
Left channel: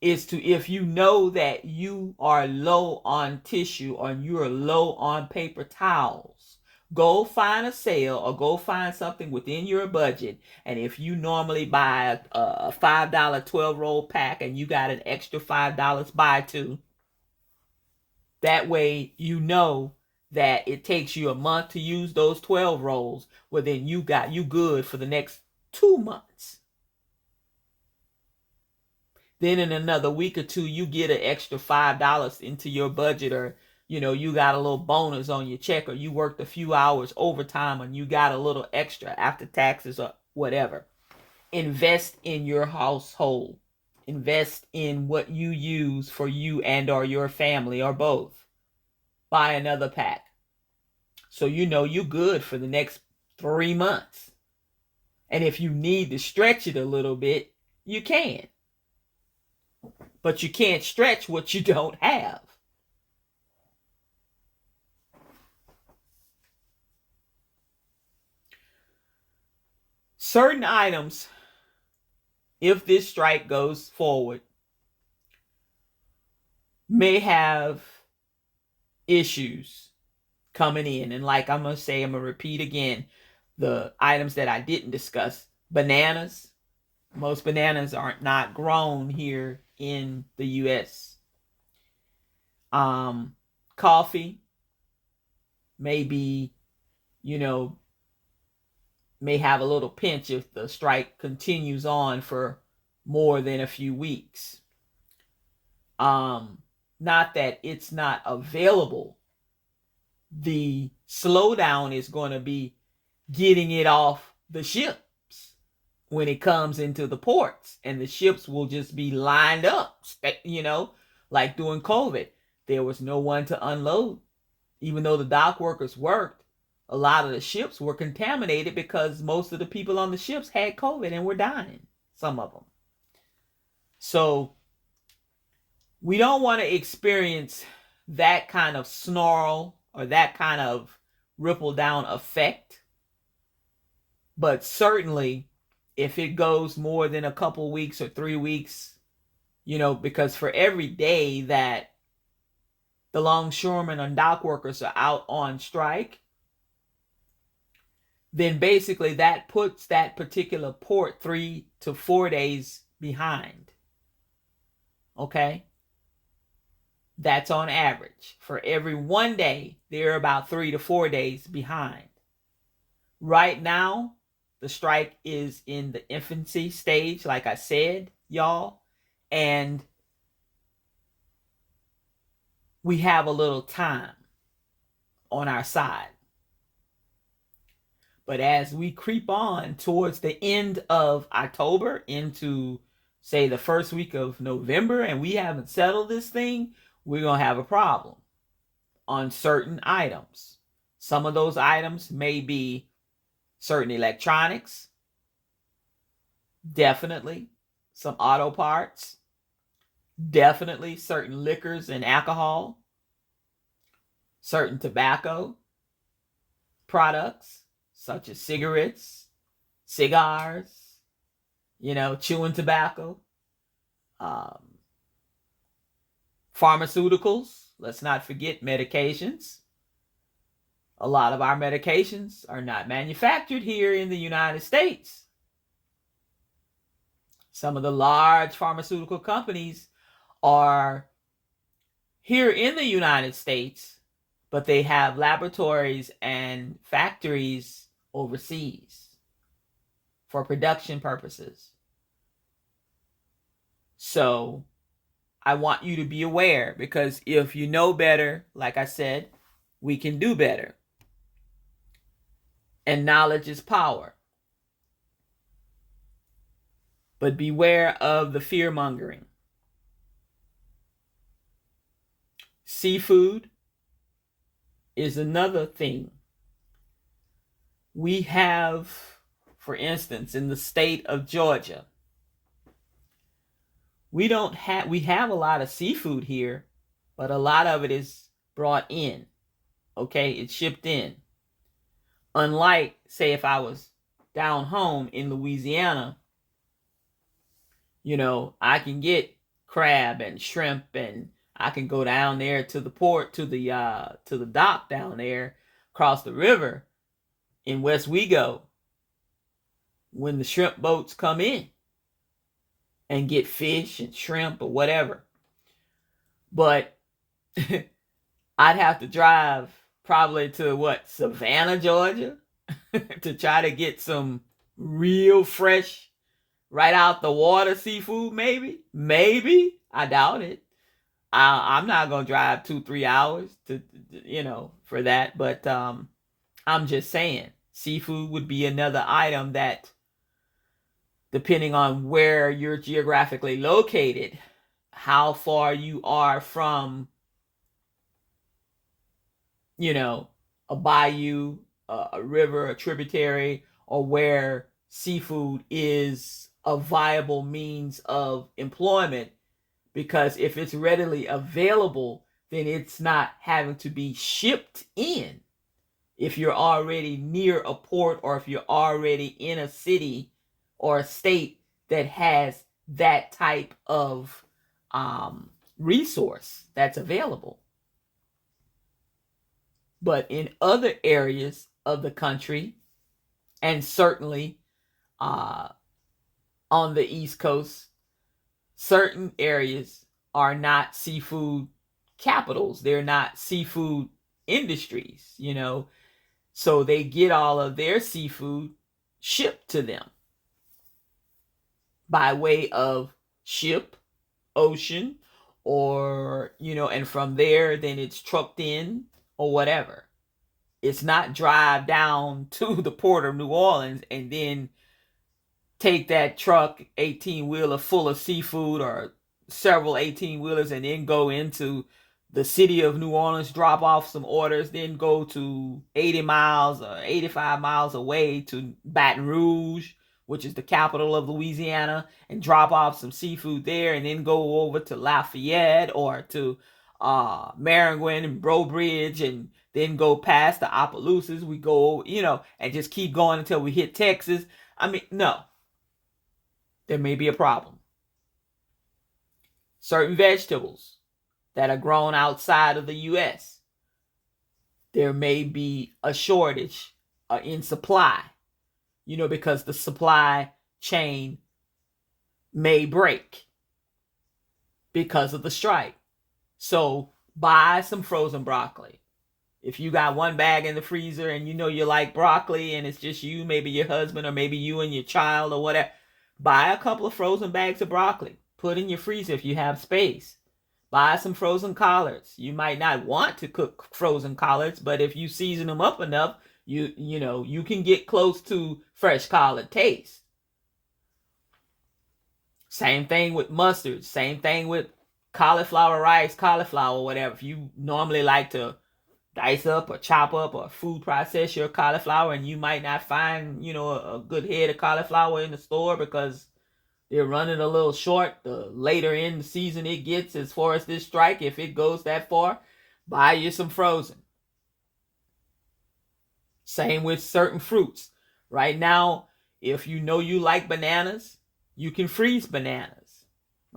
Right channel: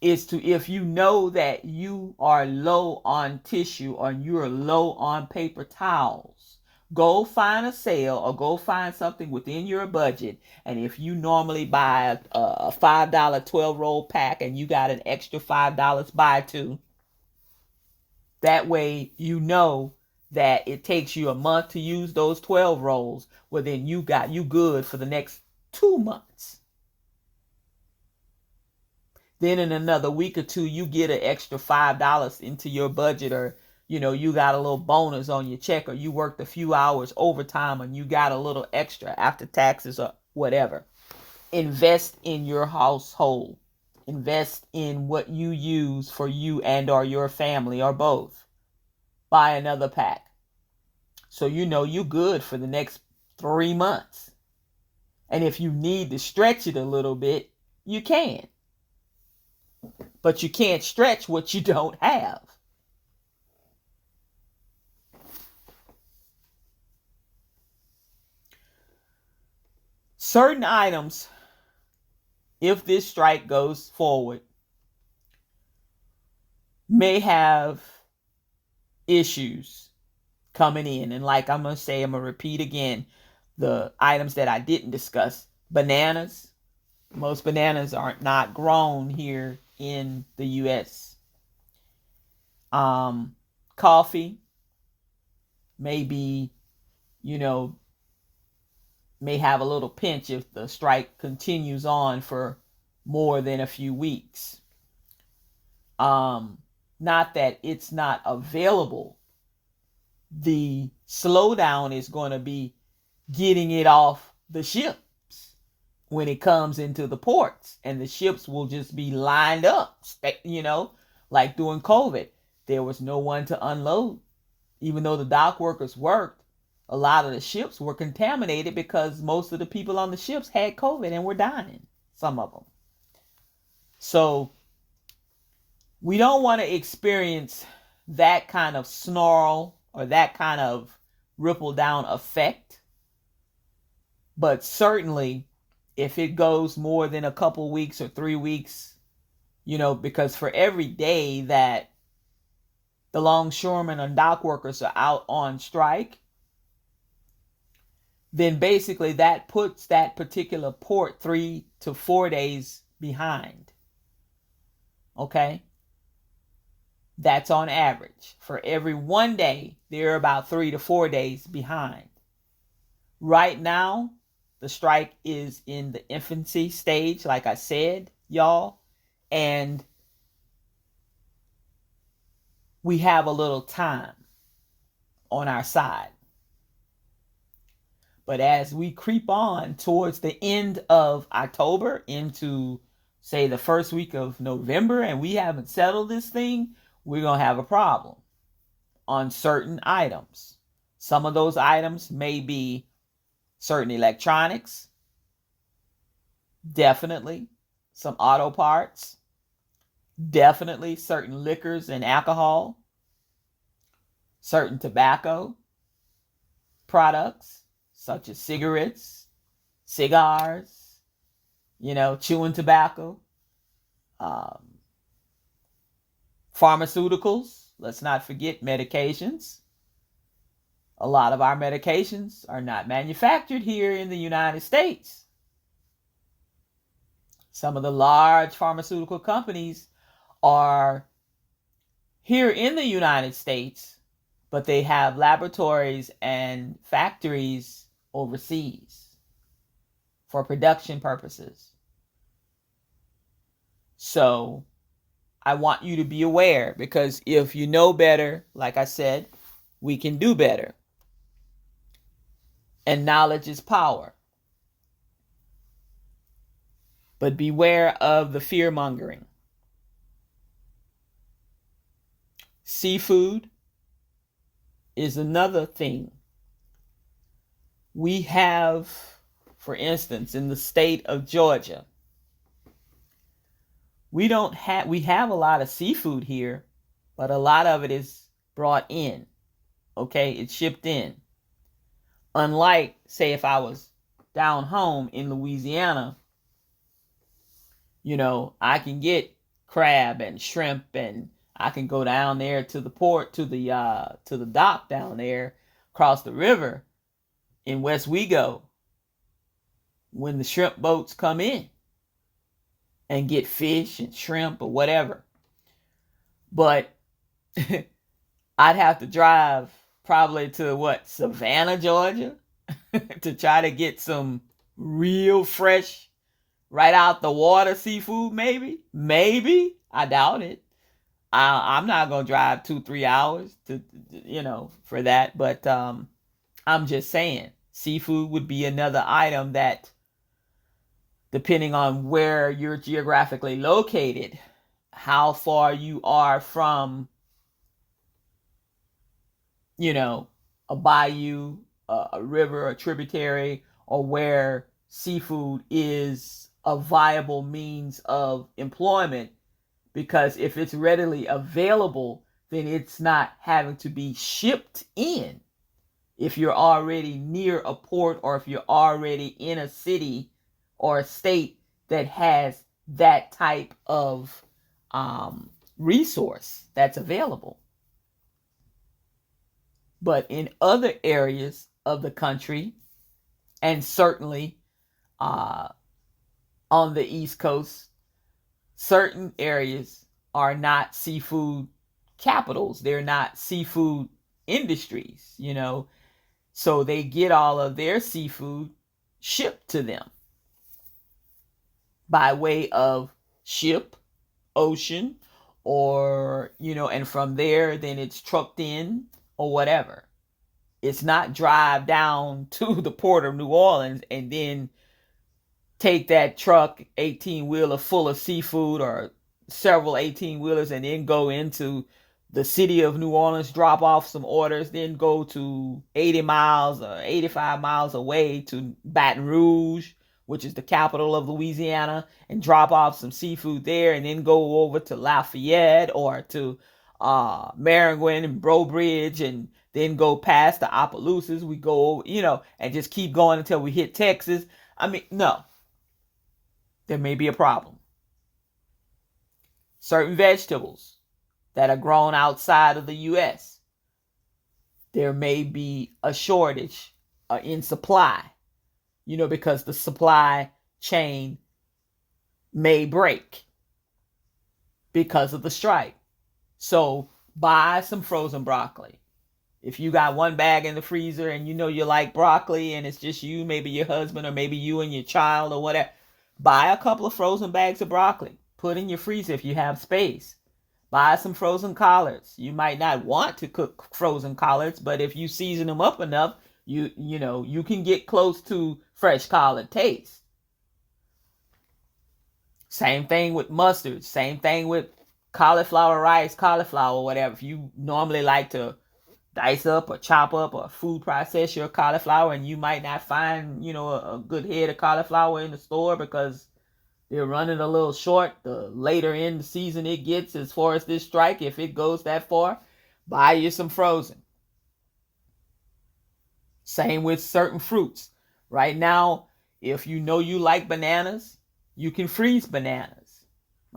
is to, if you know that you are low on tissue or you're low on paper towels, go find a sale or go find something within your budget. And if you normally buy a $5 12 roll pack and you got an extra $5, buy two. That way you know that it takes you a month to use those 12 rolls. Well, then you good for the next 2 months. Then in another week or two, you get an extra $5 into your budget, or you got a little bonus on your check, or you worked a few hours overtime and you got a little extra after taxes or whatever. Invest in your household. Invest in what you use for you and or your family or both. Buy another pack. So you good for the next 3 months. And if you need to stretch it a little bit, you can. But you can't stretch what you don't have. Certain items, if this strike goes forward, may have issues coming in. And like I'm going to repeat again, the items that I didn't discuss. Bananas. Most bananas are not grown here in the U.S. Coffee may be, may have a little pinch if the strike continues on for more than a few weeks. Not that it's not available. The slowdown is going to be getting it off the ships when it comes into the ports, and the ships will just be lined up, like during COVID. There was no one to unload. Even though the dock workers worked, a lot of the ships were contaminated because most of the people on the ships had COVID and were dying, some of them. So we don't want to experience that kind of snarl or that kind of ripple down effect. But certainly, if it goes more than a couple weeks or 3 weeks, because for every day that the longshoremen and dock workers are out on strike, then basically that puts that particular port 3 to 4 days behind. Okay? That's on average. For every 1 day, they're about 3 to 4 days behind. Right now, the strike is in the infancy stage, like I said, y'all. And we have a little time on our side. But as we creep on towards the end of October into, say, the first week of November, and we haven't settled this thing, we're going to have a problem on certain items. Some of those items may be certain electronics, definitely some auto parts, definitely certain liquors and alcohol, certain tobacco products such as cigarettes, cigars, chewing tobacco, pharmaceuticals. Let's not forget medications. A lot of our medications are not manufactured here in the United States. Some of the large pharmaceutical companies are here in the United States, but they have laboratories and factories overseas for production purposes. So I want you to be aware, because if you know better, like I said, we can do better. And knowledge is power. But beware of the fear mongering. Seafood is another thing. We have, for instance, in the state of Georgia, we have a lot of seafood here, but a lot of it is brought in. Okay, it's shipped in. Unlike, say, if I was down home in Louisiana, I can get crab and shrimp, and I can go down there to the port, to the dock down there across the river in West Wego when the shrimp boats come in and get fish and shrimp or whatever. But I'd have to drive probably to Savannah, Georgia, to try to get some real fresh, right out the water seafood. Maybe I doubt it. I'm not gonna drive 2-3 hours to for that. But I'm just saying, seafood would be another item that, depending on where you're geographically located, how far you are from a bayou, a river, a tributary, or where seafood is a viable means of employment. Because if it's readily available, then it's not having to be shipped in. If you're already near a port, or if you're already in a city or a state that has that type of resource that's available. But in other areas of the country, and certainly on the East Coast, certain areas are not seafood capitals. They're not seafood industries, So they get all of their seafood shipped to them by way of ship, ocean, or, and from there, then it's trucked in or whatever. It's not drive down to the port of New Orleans and then take that truck 18-wheeler full of seafood, or several 18-wheelers, and then go into the city of New Orleans, drop off some orders, then go to 80 miles or 85 miles away to Baton Rouge, which is the capital of Louisiana, and drop off some seafood there, and then go over to Lafayette or to Maringouin and Breaux Bridge, and then go past the Opelousas. We go, and just keep going until we hit Texas. I mean, no. There may be a problem. Certain vegetables that are grown outside of the U.S., there may be a shortage in supply, because the supply chain may break because of the strike. So buy some frozen broccoli. If you got one bag in the freezer and you like broccoli, and it's just you, maybe your husband, or maybe you and your child or whatever, buy a couple of frozen bags of broccoli. Put in your freezer if you have space. Buy some frozen collards. You might not want to cook frozen collards, but if you season them up enough, you can get close to fresh collard taste. Same thing with mustard. Same thing with cauliflower rice, cauliflower, whatever. If you normally like to dice up or chop up or food process your cauliflower, and you might not find, a good head of cauliflower in the store because they're running a little short, the later in the season it gets as far as this strike, if it goes that far, buy you some frozen. Same with certain fruits. Right now, if you like bananas, you can freeze bananas.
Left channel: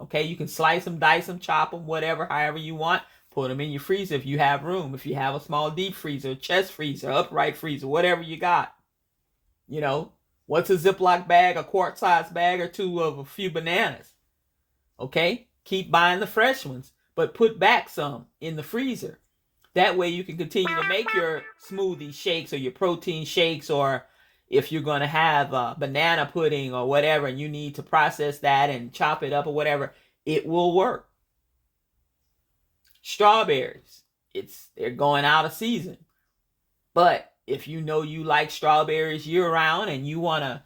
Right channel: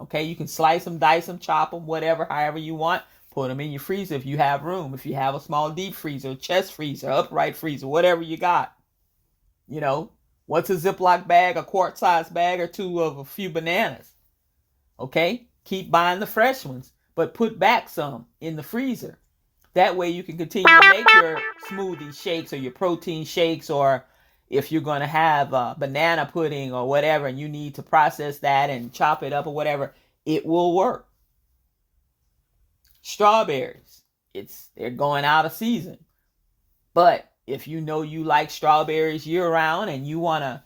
Okay, you can slice them, dice them, chop them, whatever, however you want. Put them in your freezer if you have room. If you have a small deep freezer, chest freezer, upright freezer, whatever you got. What's a Ziploc bag, a quart-sized bag or two of a few bananas? Okay? Keep buying the fresh ones, but put back some in the freezer. That way you can continue to make your smoothie shakes or your protein shakes, or if you're going to have banana pudding or whatever, and you need to process that and chop it up or whatever, it will work. Strawberries, they're going out of season. But if you like strawberries year round and you want to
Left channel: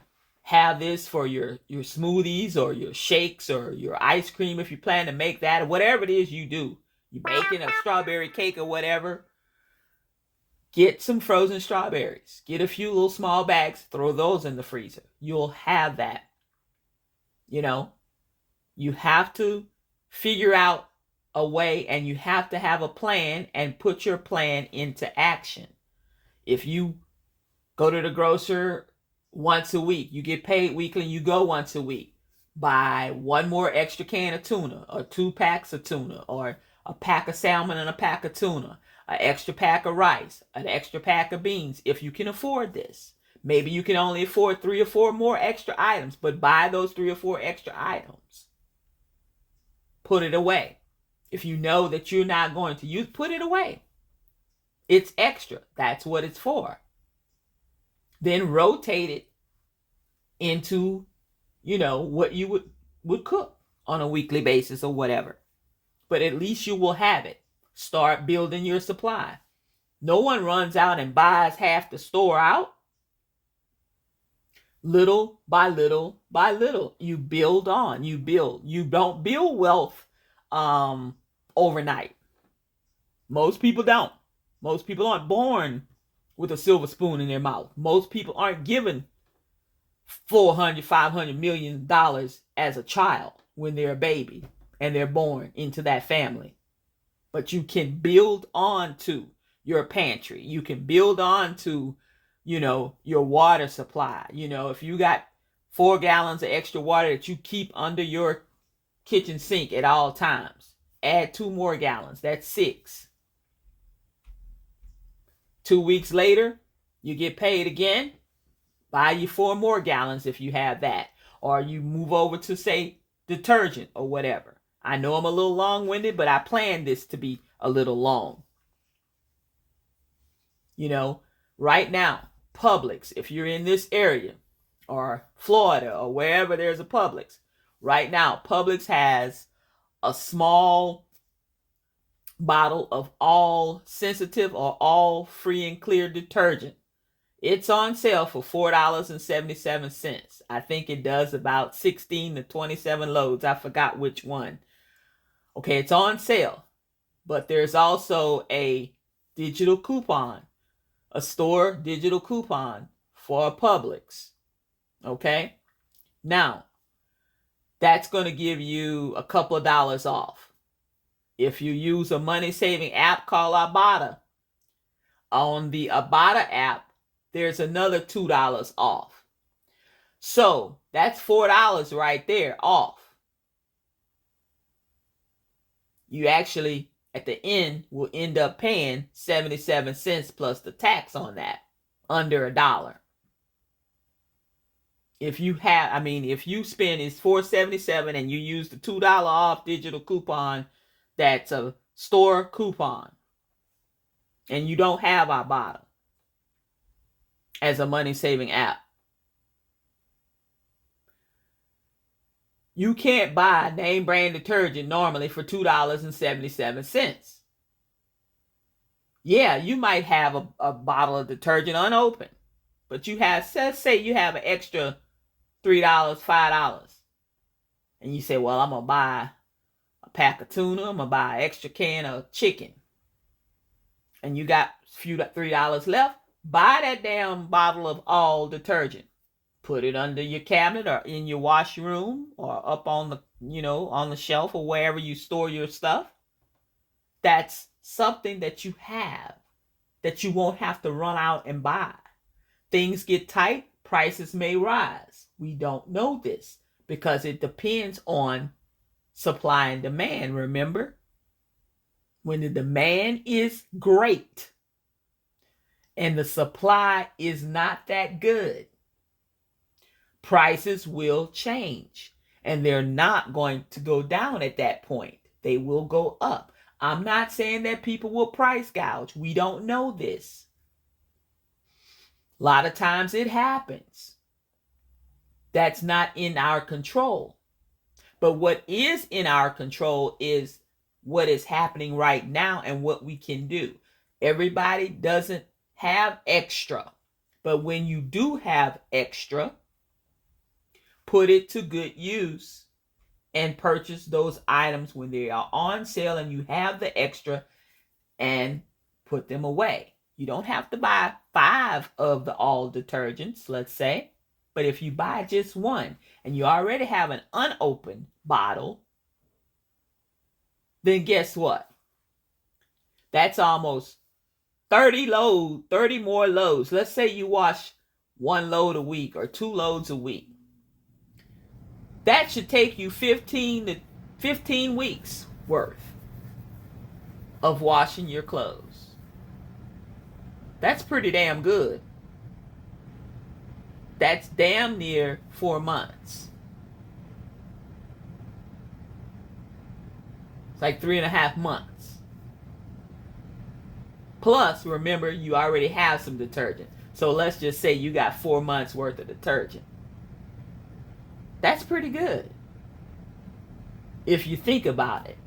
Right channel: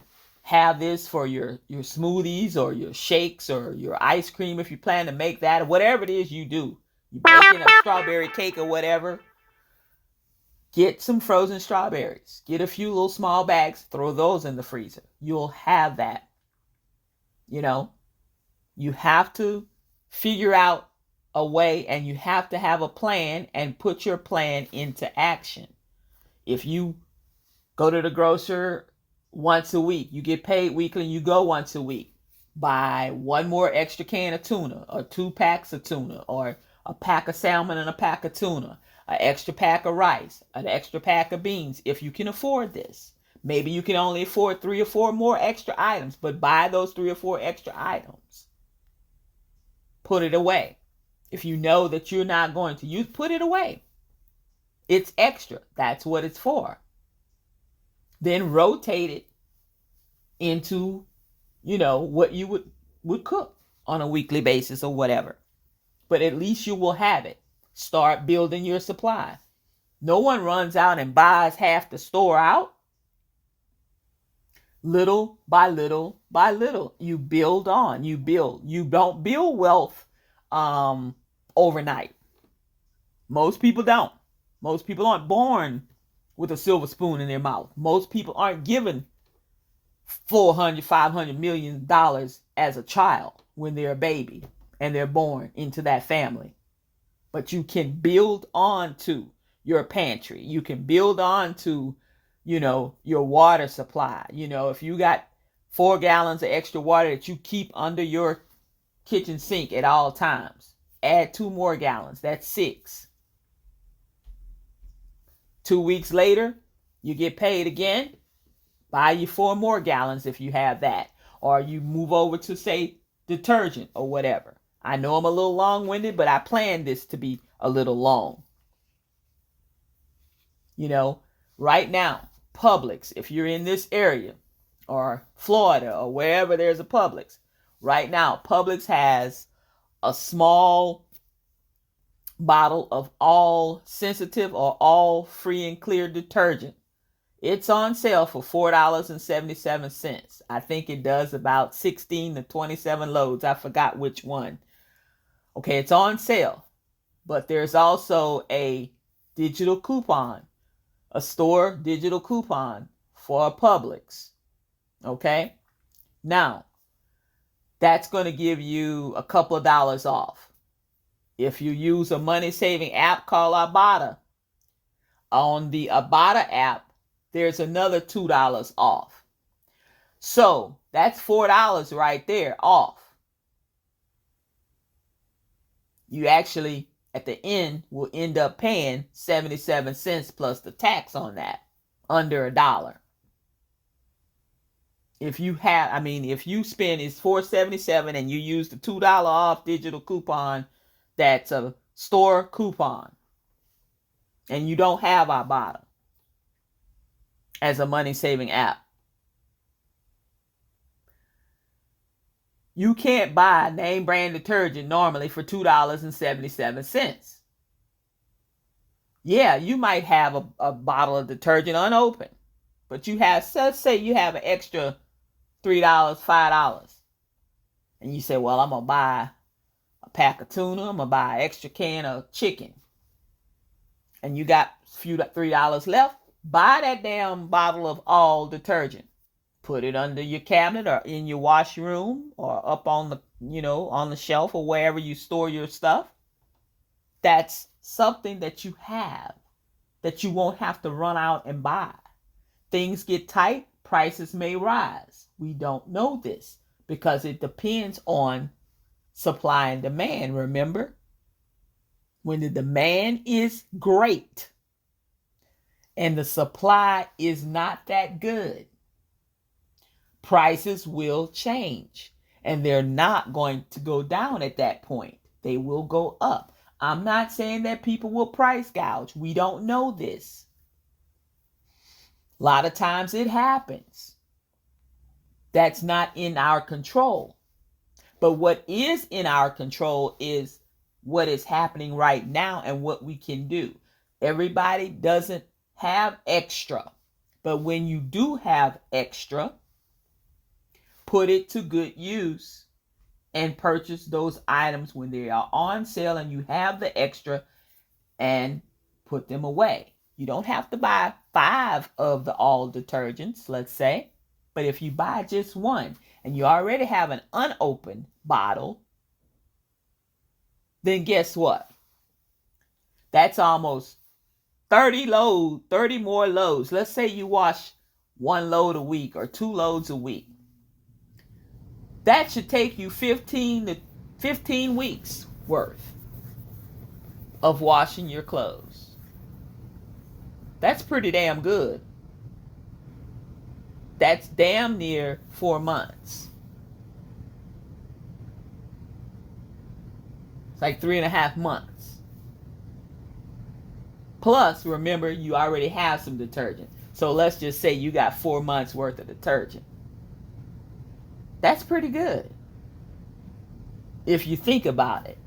have this for your smoothies or your shakes or your ice cream if you plan to make that, or whatever it is you do. You're baking a strawberry cake or whatever. Get some frozen strawberries. Get a few little small bags. Throw those in the freezer. You'll have that. You know, you have to figure out a way, and you have to have a plan and put your plan into action. If you go to the grocer once a week, you get paid weekly, you go once a week, buy one more extra can of tuna, or 2 packs of tuna, or a pack of salmon and a pack of tuna, an extra pack of rice, an extra pack of beans, if you can afford this. Maybe you can only afford 3 or 4 more extra items, but buy those 3 or 4 extra items. Put it away. If you know that you're not going to use, put it away. It's extra. That's what it's for. Then rotate it into, what you would cook on a weekly basis or whatever. But at least you will have it. Start building your supply. No one runs out and buys half the store out. Little by little by little, you build on. You build. You don't build wealth overnight. Most people don't. Most people aren't born with a silver spoon in their mouth. Most people aren't given $400, $500 million as a child when they're a baby and they're born into that family. But you can build on to your pantry. You can build on to, your water supply. If you got 4 gallons of extra water that you keep under your kitchen sink at all times, add 2 more gallons. That's 6. 2 weeks later, you get paid again. Buy you 4 more gallons if you have that. Or you move over to, say, detergent or whatever. I know I'm a little long-winded, but I planned this to be a little long. Right now, Publix, if you're in this area, or Florida, or wherever there's a Publix, right now, Publix has a small bottle of all sensitive or all free and clear detergent. It's on sale for $4.77. I think it does about 16 to 27 loads. I forgot which one. Okay, it's on sale. But there's also a digital coupon, a store digital coupon for a Publix. Okay? Now, that's going to give you a couple of dollars off. If you use a money-saving app called Ibotta, on the Ibotta app, there's another $2 off. So that's $4 right there off. You actually, at the end, will end up paying 77 cents plus the tax on that, under $1. If you spend, it's $4.77 and you use the $2 off digital coupon, that's a store coupon, and you don't have Ibotta as a money-saving app, you can't buy name brand detergent normally for $2.77. Yeah, you might have a bottle of detergent unopened, but you have, let's say you have an extra $3, $5, and you say, well, I'm going to buy a pack of tuna, I'm going to buy an extra can of chicken, and you got a few $3 left, buy that damn bottle of all detergent. Put it under your cabinet or in your washroom or up on the, on the shelf or wherever you store your stuff. That's something that you have that you won't have to run out and buy. Things get tight, prices may rise. We don't know this because it depends on supply and demand, remember? When the demand is great and the supply is not that good, prices will change, and they're not going to go down at that point. They will go up. I'm not saying that people will price gouge. We don't know this. A lot of times it happens. That's not in our control. But what is in our control is what is happening right now and what we can do. Everybody doesn't have extra. But when you do have extra, put it to good use and purchase those items when they are on sale and you have the extra, and put them away. You don't have to buy 5 of the all detergents, let's say, but if you buy just one and you already have an unopened bottle, then guess what? That's almost 30 more loads. Let's say you wash 1 load a week or 2 loads a week. That should take you 15 weeks worth of washing your clothes. That's pretty damn good. That's damn near 4 months. It's like 3.5 months. Plus, remember, you already have some detergent. So let's just say you got 4 months worth of detergent. That's pretty good, if you think about it.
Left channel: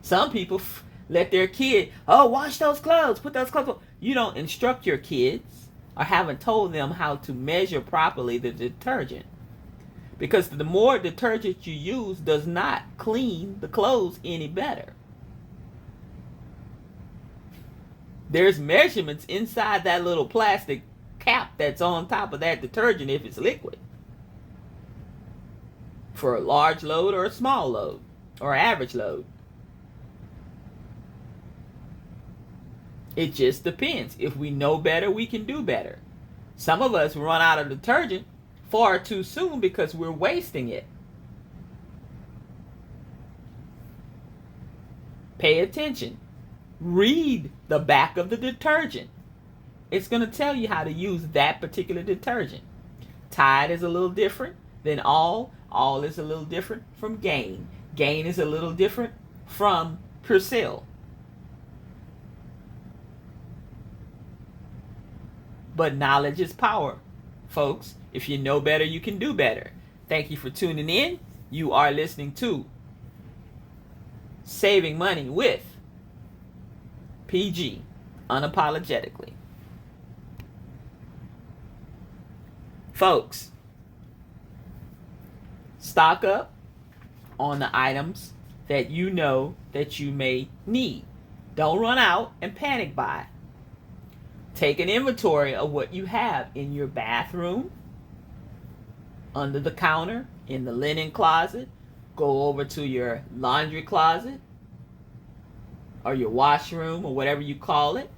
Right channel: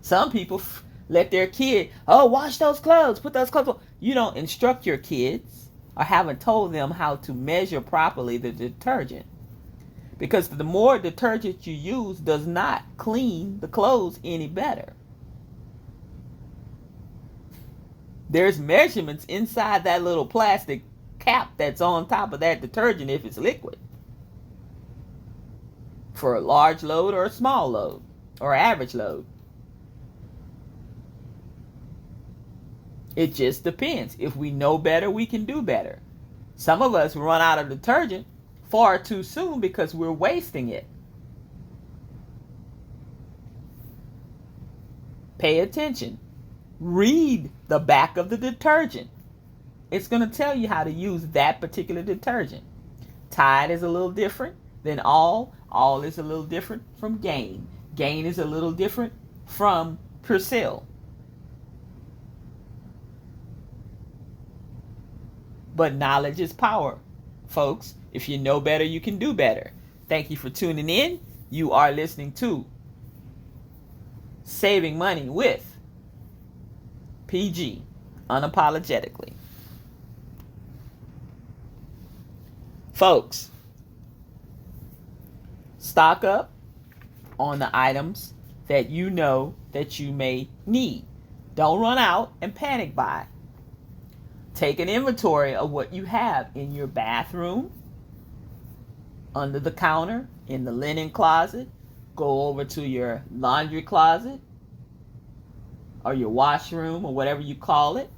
Some people let their kid, wash those clothes, put those clothes on. You don't instruct your kids or haven't told them how to measure properly the detergent. Because the more detergent you use does not clean the clothes any better. There's measurements inside that little plastic cap that's on top of that detergent if it's liquid. For a large load or a small load or average load. It just depends. If we know better, we can do better. Some of us run out of detergent far too soon because we're wasting it. Pay attention. Read the back of the detergent. It's going to tell you how to use that particular detergent. Tide is a little different than all. All is a little different from Gain. Gain is a little different from Persil. But knowledge is power, folks. If you know better, you can do better. Thank you for tuning in. You are listening to Saving Money with PG, unapologetically. Folks, stock up on the items that you know that you may need. Don't run out and panic buy. Take an inventory of what you have in your bathroom, under the counter, in the linen closet. Go over to your laundry closet or your washroom or whatever you call it.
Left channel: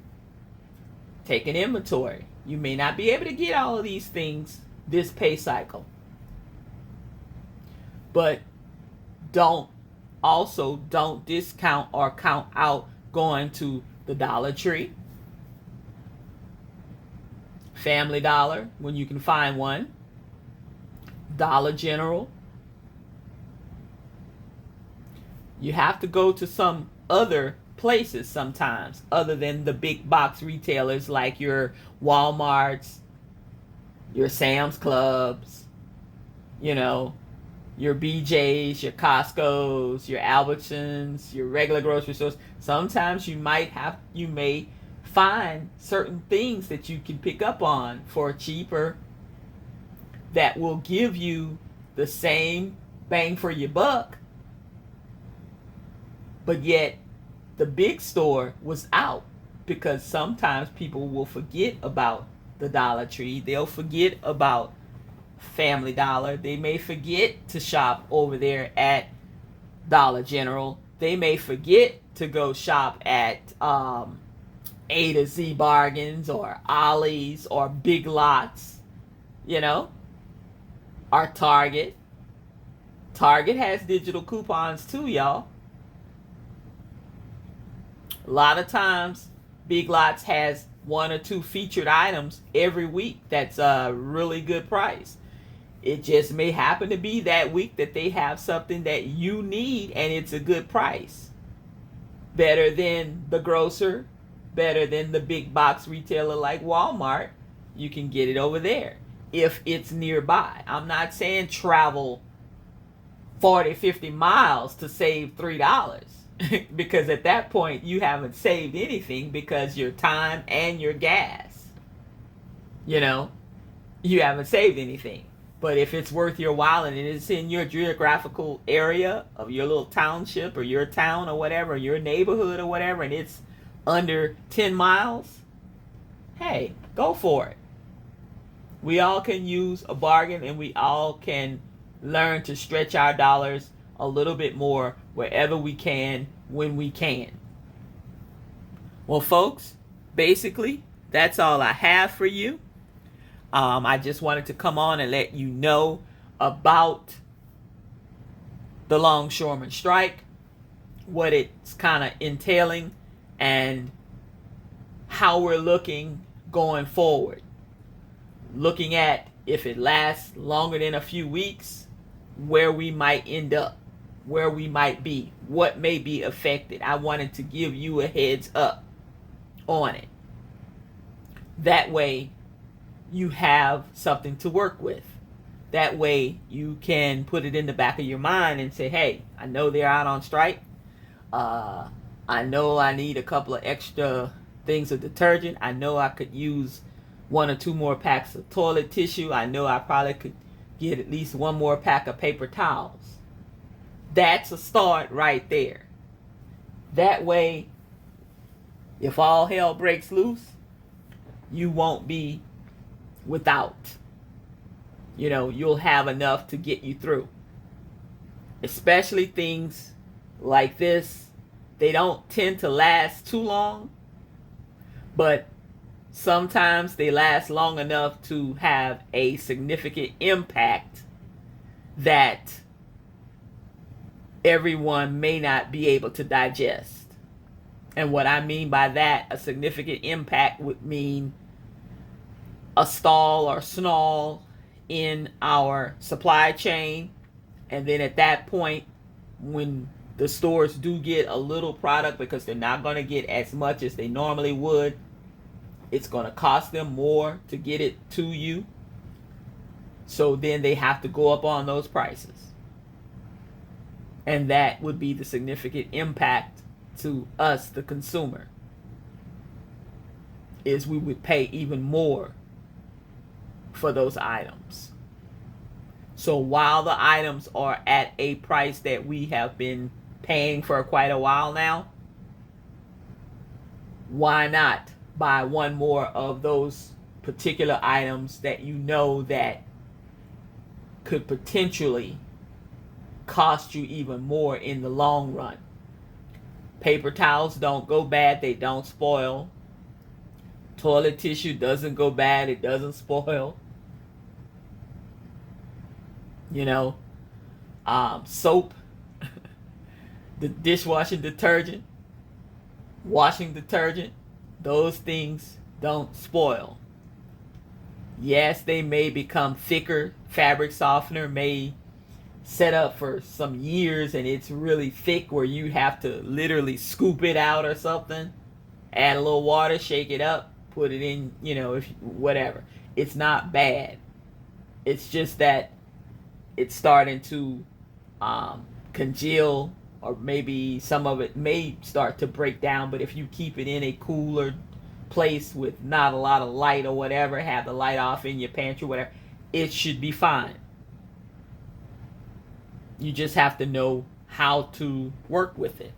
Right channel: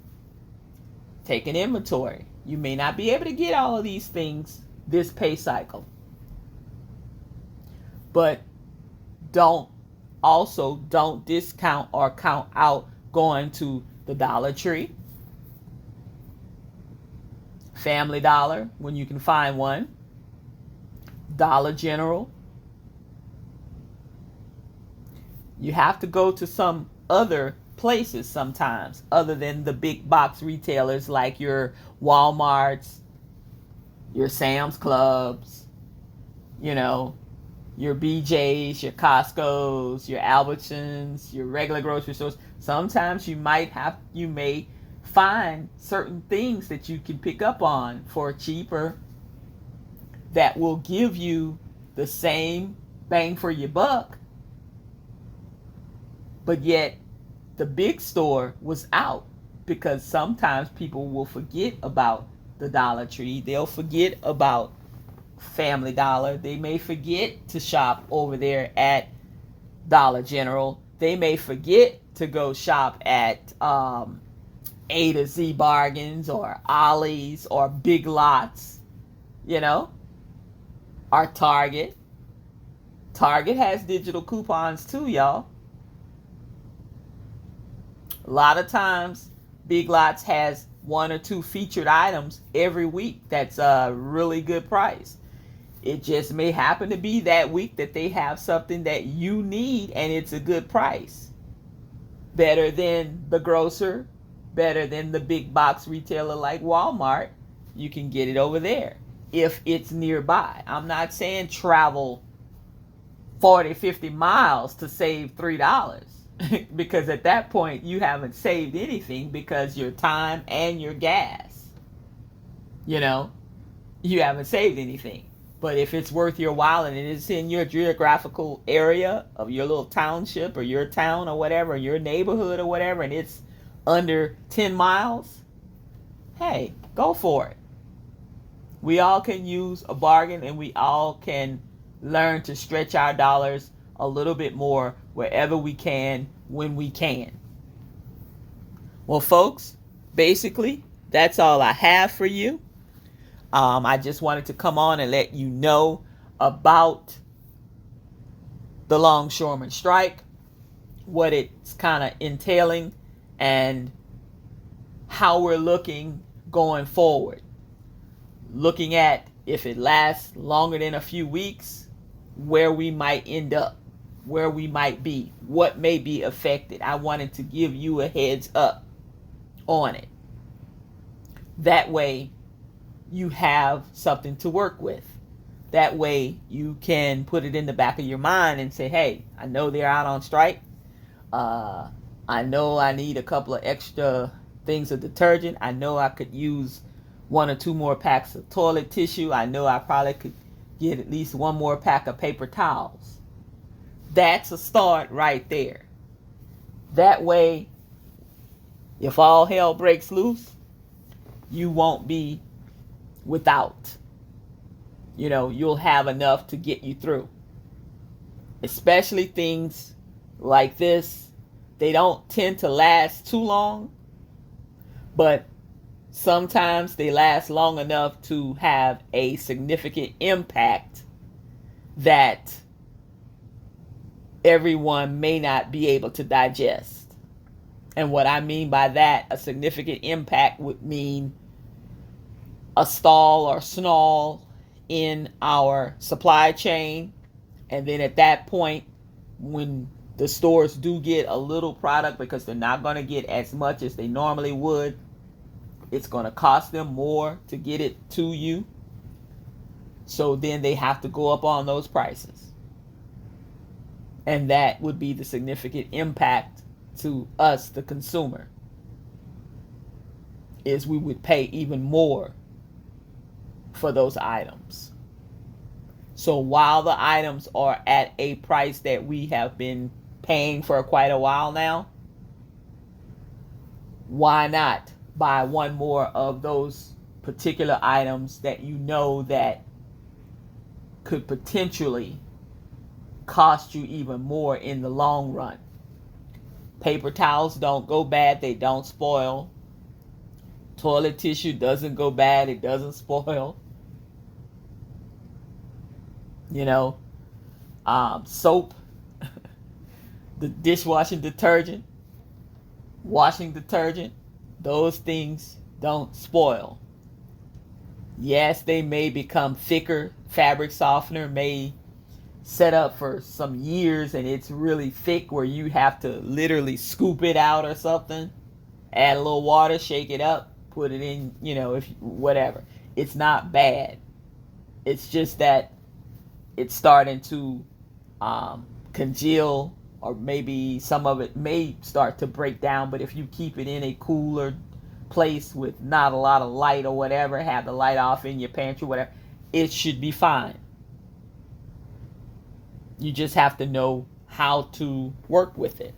Take an inventory. You may not be able to get all of these things this pay cycle. But don't discount or count out going to the Dollar Tree, Family Dollar when you can find one, Dollar General. You have to go to some other places sometimes other than the big box retailers like your Walmarts, your Sam's Clubs, your BJ's, your Costco's, your Albertsons, your regular grocery stores. Sometimes you may find certain things that you can pick up on for cheaper that will give you the same bang for your buck, but yet the big store was out, because sometimes people will forget about the Dollar Tree. They'll forget about Family Dollar. They may forget to shop over there at Dollar General. They may forget to go shop at A to Z Bargains or Ollie's or Big Lots, or Target. Target has digital coupons too, y'all. A lot of times, Big Lots has 1 or 2 featured items every week that's a really good price. It just may happen to be that week that they have something that you need and it's a good price. Better than the grocer, better than the big box retailer like Walmart. You can get it over there if it's nearby. I'm not saying travel 40, 50 miles to save $3. Because at that point you haven't saved anything, because your time and your gas, you haven't saved anything. But if it's worth your while and it is in your geographical area of your little township or your town or whatever, your neighborhood or whatever, and it's under 10 miles, hey, go for it. We all can use a bargain, and we all can learn to stretch our dollars a little bit more wherever we can, when we can. Well, folks, basically, that's all I have for you. I just wanted to come on and let you know about the longshoreman strike, what it's kind of entailing, and how we're looking going forward. Looking at if it lasts longer than a few weeks, where we might end up, where we might be, what may be affected. I wanted to give you a heads up on it. That way you have something to work with. That way you can put it in the back of your mind and say, hey, I know they're out on strike. I know I need a couple of extra things of detergent. I know I could use 1 or 2 more packs of toilet tissue. I know I probably could get at least 1 more pack of paper towels. That's a start right there. That way, if all hell breaks loose, you won't be without. You'll have enough to get you through. Especially things like this, they don't tend to last too long, but sometimes they last long enough to have a significant impact that everyone may not be able to digest. And what I mean by that, a significant impact would mean a stall or snarl in our supply chain. And then at that point, when the stores do get a little product, because they're not going to get as much as they normally would, it's going to cost them more to get it to you. So then they have to go up on those prices. And that would be the significant impact to us, the consumer, is we would pay even more for those items. So while the items are at a price that we have been paying for quite a while now, why not buy 1 more of those particular items that you know that could potentially cost you even more in the long run? Paper towels don't go bad, they don't spoil. Toilet tissue doesn't go bad, it doesn't spoil. Soap, the dishwashing detergent, washing detergent, those things don't spoil. Yes, they may become thicker. Fabric softener may set up for some years and it's really thick where you have to literally scoop it out or something. Add a little water, shake it up, put it in, if whatever. It's not bad. It's just that it's starting to congeal, or maybe some of it may start to break down. But if you keep it in a cooler place with not a lot of light or whatever, have the light off in your pantry, whatever, it should be fine. You just have to know how to work with it.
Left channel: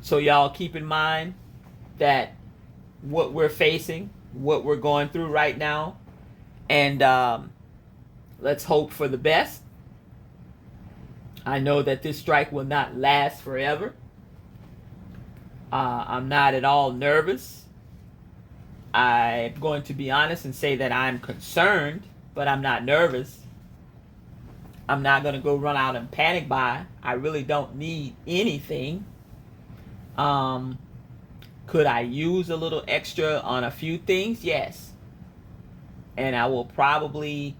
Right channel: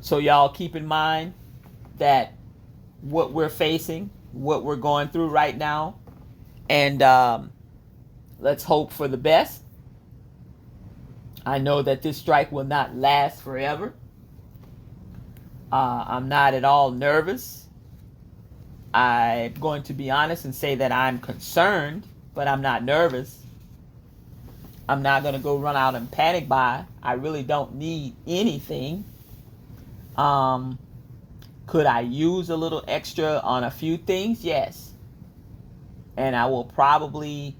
So y'all keep in mind that what we're facing, what we're going through right now, and let's hope for the best. I know that this strike will not last forever. I'm not at all nervous. I'm going to be honest and say that I'm concerned, but I'm not nervous. I'm not going to go run out and panic buy. I really don't need anything. Could I use a little extra on a few things? Yes. And I will probably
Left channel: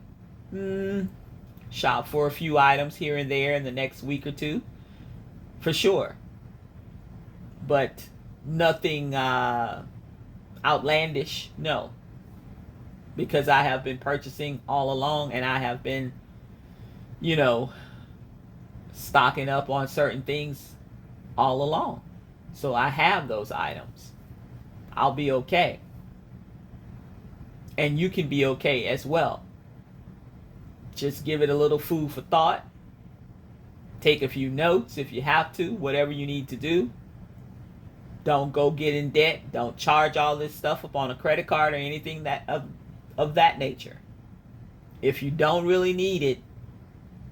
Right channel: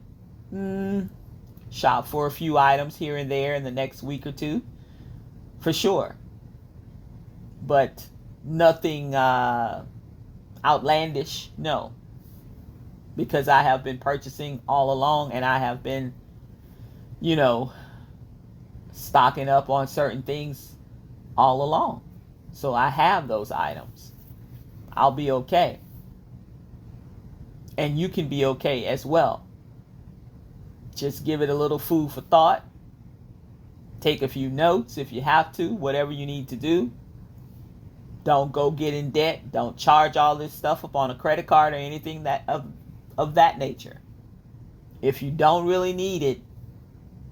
shop for a few items here and there in the next week or two, for sure. But nothing outlandish, no. Because I have been purchasing all along, and I have been, stocking up on certain things all along. So I have those items. I'll be okay. And you can be okay as well. Just give it a little food for thought. Take a few notes if you have to, whatever you need to do. Don't go get in debt. Don't charge all this stuff up on a credit card or anything of that nature. If you don't really need it,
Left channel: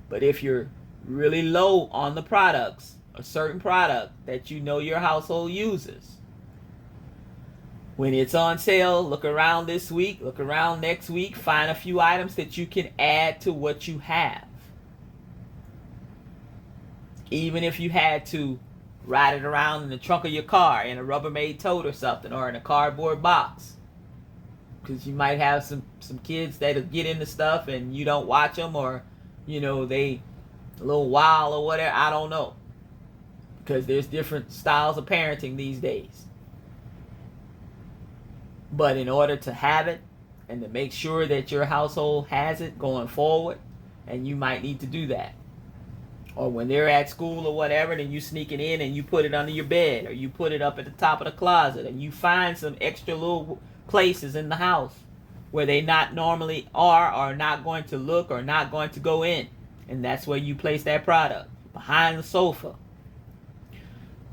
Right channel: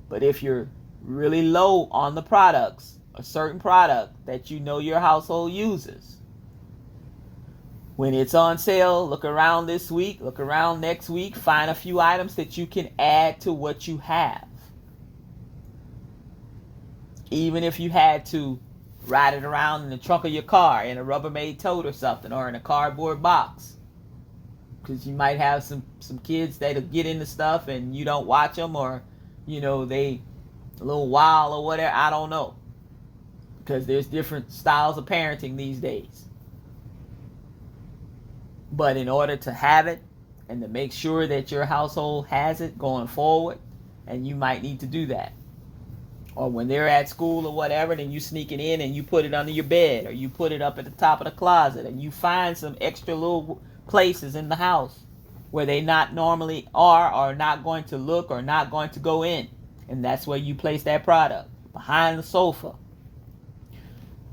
but if you're really low on the products, a certain product that you know your household uses, when it's on sale, look around this week, look around next week, find a few items that you can add to what you have. Even if you had to ride it around in the trunk of your car in a Rubbermaid tote or something, or in a cardboard box, because you might have some kids that'll get into stuff and you don't watch them, or they a little wild or whatever. I don't know, because there's different styles of parenting these days. But in order to have it and to make sure that your household has it going forward, and you might need to do that. Or when they're at school or whatever, then you sneak it in and you put it under your bed, or you put it up at the top of the closet, and you find some extra little places in the house where they not normally are, or not going to look, or not going to go in. And that's where you place that product. Behind the sofa,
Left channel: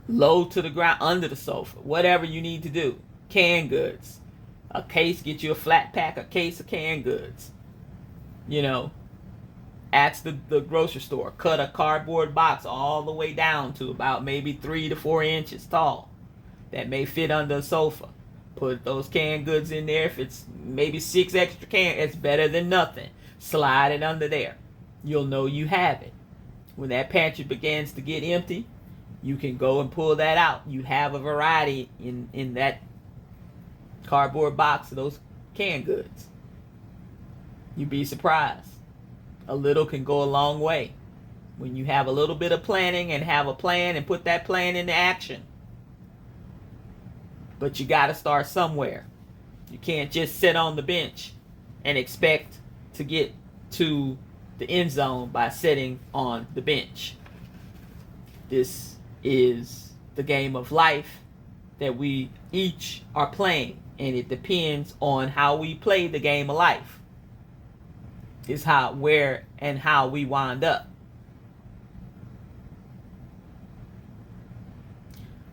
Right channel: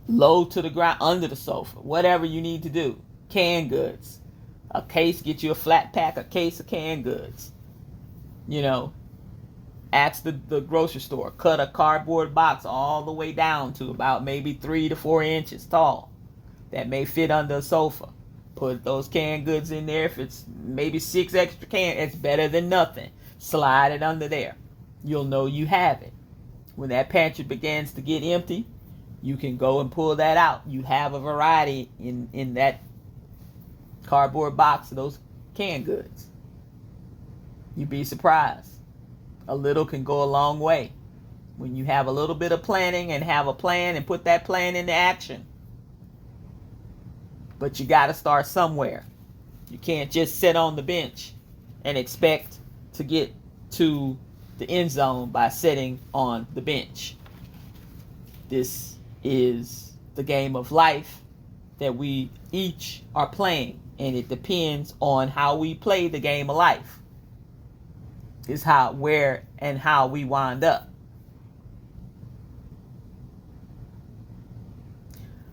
low to the ground, under the sofa, whatever you need to do. Canned goods. A case, get you a flat pack, a case of canned goods. Ask the grocery store, cut a cardboard box all the way down to about maybe 3 to 4 inches tall. That may fit under a sofa. Put those canned goods in there. If it's maybe 6 extra cans, it's better than nothing. Slide it under there. You'll know you have it. When that pantry begins to get empty, you can go and pull that out. You have a variety in that cardboard box of those canned goods. You'd be surprised. A little can go a long way. When you have a little bit of planning and have a plan and put that plan into action. But you got to start somewhere. You can't just sit on the bench and expect to get to the end zone by sitting on the bench. This is the game of life that we each are playing, and it depends on how we play the game of life. Is how, where, and how we wind up.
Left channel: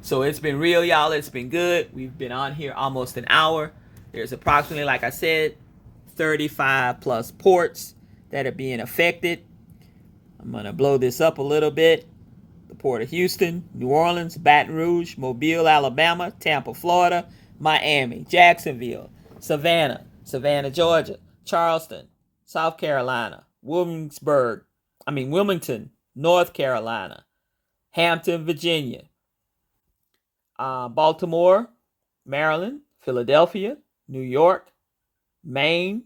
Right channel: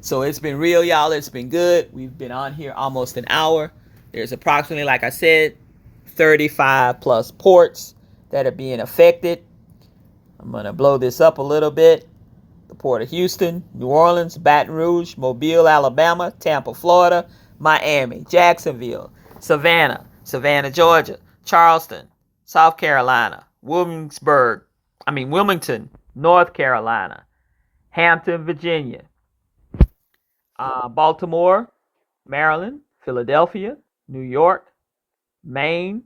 So it's been real, y'all. It's been good. We've been on here almost an hour. There's approximately, like I said, 35 plus ports that are being affected. I'm going to blow this up a little bit. The Port of Houston, New Orleans, Baton Rouge, Mobile, Alabama, Tampa, Florida, Miami, Jacksonville, Savannah, Georgia, Charleston, South Carolina, Wilmington, North Carolina, Hampton, Virginia, Baltimore, Maryland, Philadelphia, New York, Maine,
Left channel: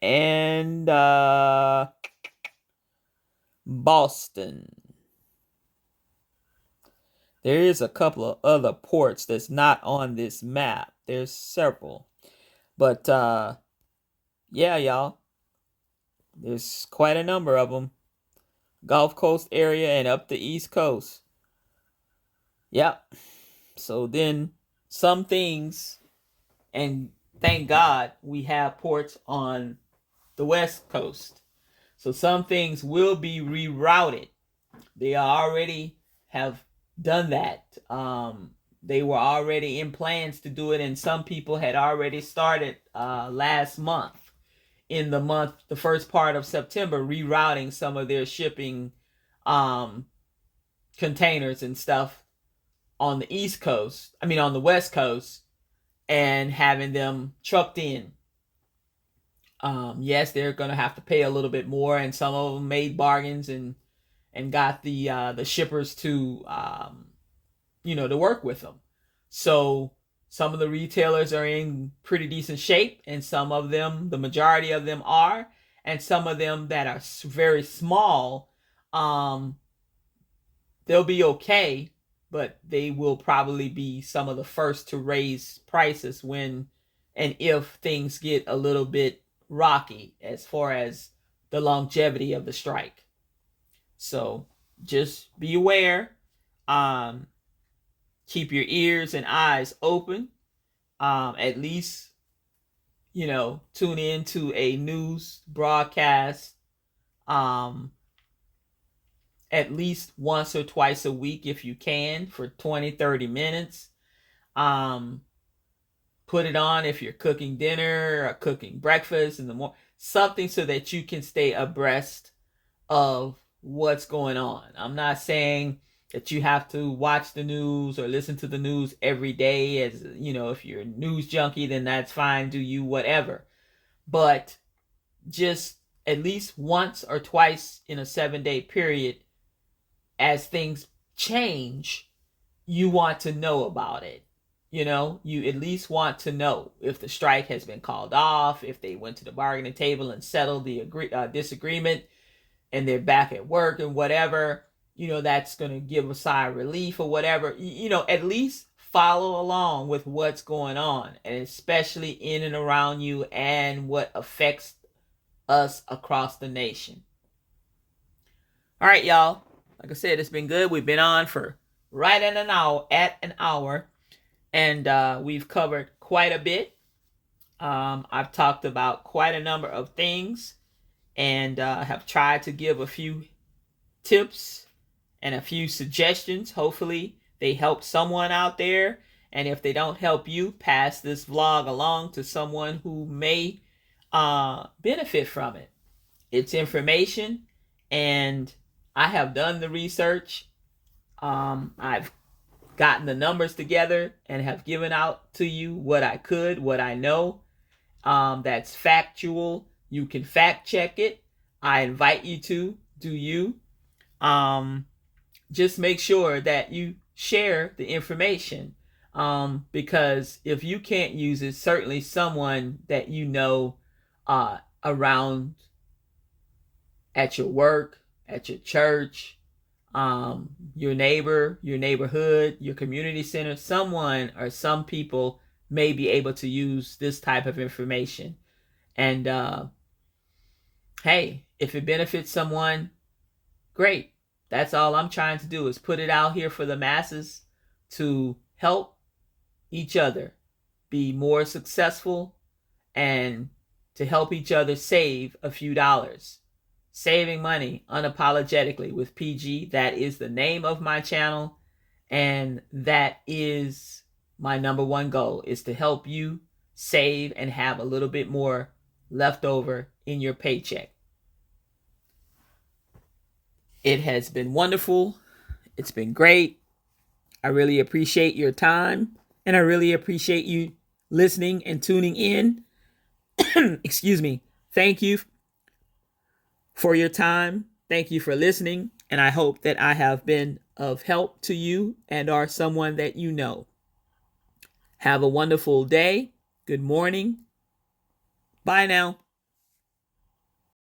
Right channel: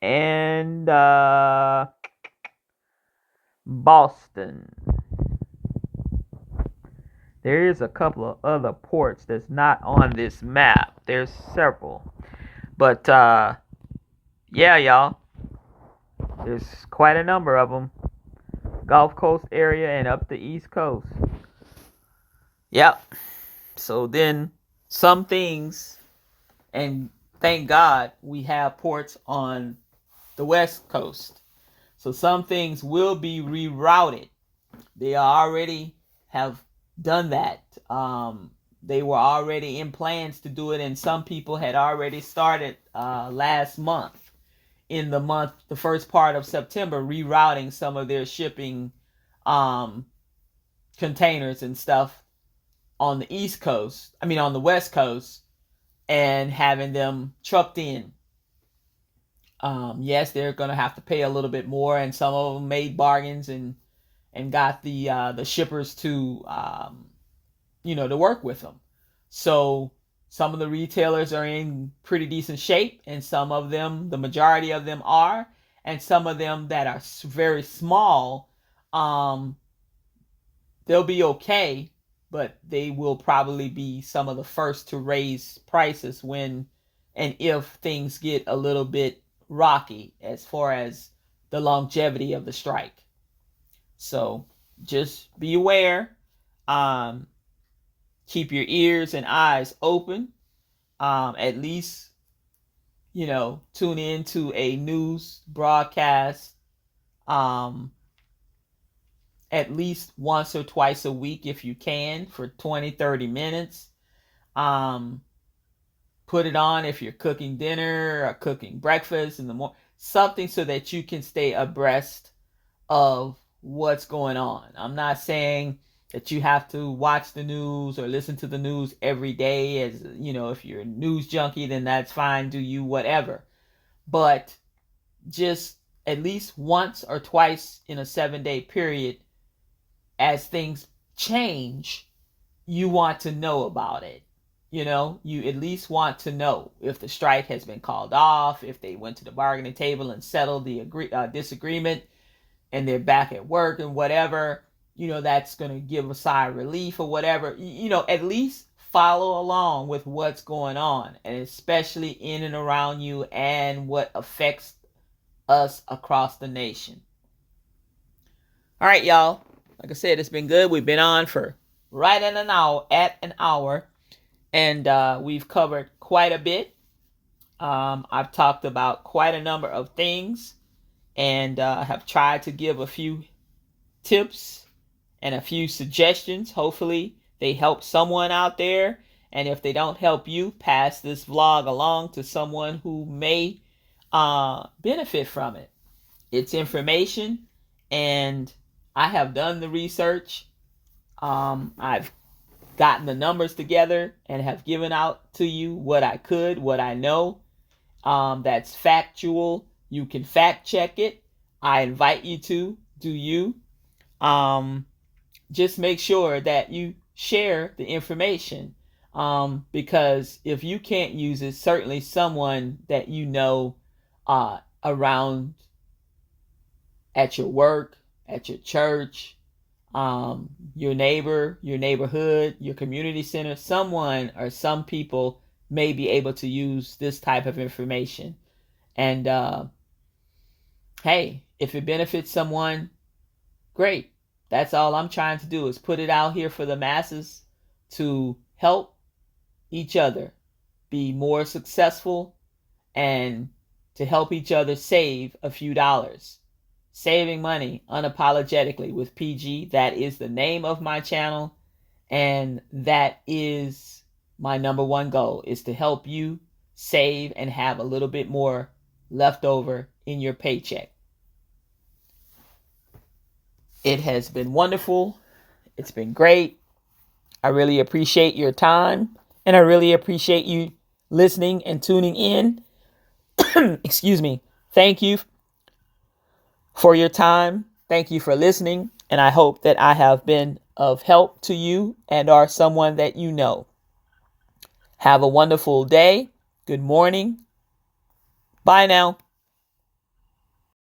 and Boston. There is a couple of other ports that's not on this map. There's several. But, yeah, y'all. There's quite a number of them. Gulf Coast area and up the East Coast. Yep. So then some things, and thank God we have ports on the West Coast. So some things will be rerouted. They already have done that. They were already in plans to do it, and some people had already started last month. In the first part of September, rerouting some of their shipping containers and stuff on the on the West Coast, and having them trucked in. Yes, they're going to have to pay a little bit more, and some of them made bargains and got the shippers to to work with them. So some of the retailers are in pretty decent shape, and some of them, the majority of them are, and some of them that are very small, they'll be okay, but they will probably be some of the first to raise prices when and if things get a little bit rocky as far as the longevity of the strike. So just be aware. Keep your ears and eyes open. At least, tune into a news broadcast at least once or twice a week if you can for 20, 30 minutes. Put it on if you're cooking dinner or cooking breakfast in the morning, something so that you can stay abreast of what's going on. I'm not saying that you have to watch the news or listen to the news every day. As if you're a news junkie, then that's fine. Do you, whatever. But just at least once or twice in a 7-day period, as things change, you want to know about it. You at least want to know if the strike has been called off, if they went to the bargaining table and settled the disagreement, and they're back at work and whatever. That's going to give a sigh of relief or whatever. At least follow along with what's going on, and especially in and around you and what affects us across the nation. All right, y'all. Like I said, it's been good. We've been on for right at an hour, and we've covered quite a bit. I've talked about quite a number of things, and have tried to give a few tips and a few suggestions. Hopefully they help someone out there, and if they don't help you, pass this vlog along to someone who may benefit from it. It's information, and I have done the research. I've gotten the numbers together and have given out to you what I could, what I know. That's factual. You can fact check it. I invite you to do you. Just make sure that you share the information, because if you can't use it, certainly someone that around at your work, at your church, your neighbor, your neighborhood, your community center, someone or some people may be able to use this type of information. And hey, if it benefits someone, great. That's all I'm trying to do, is put it out here for the masses to help each other be more successful and to help each other save a few dollars. Saving money unapologetically with PG. That is the name of my channel, and that is my number one goal, is to help you save and have a little bit more left over in your paycheck. It has been wonderful. It's been great. I really appreciate your time, and I really appreciate you listening and tuning in. Excuse me. Thank you for your time. Thank you for listening, and I hope that I have been of help to you and are someone that you know. Have a wonderful day. Good morning. Bye now.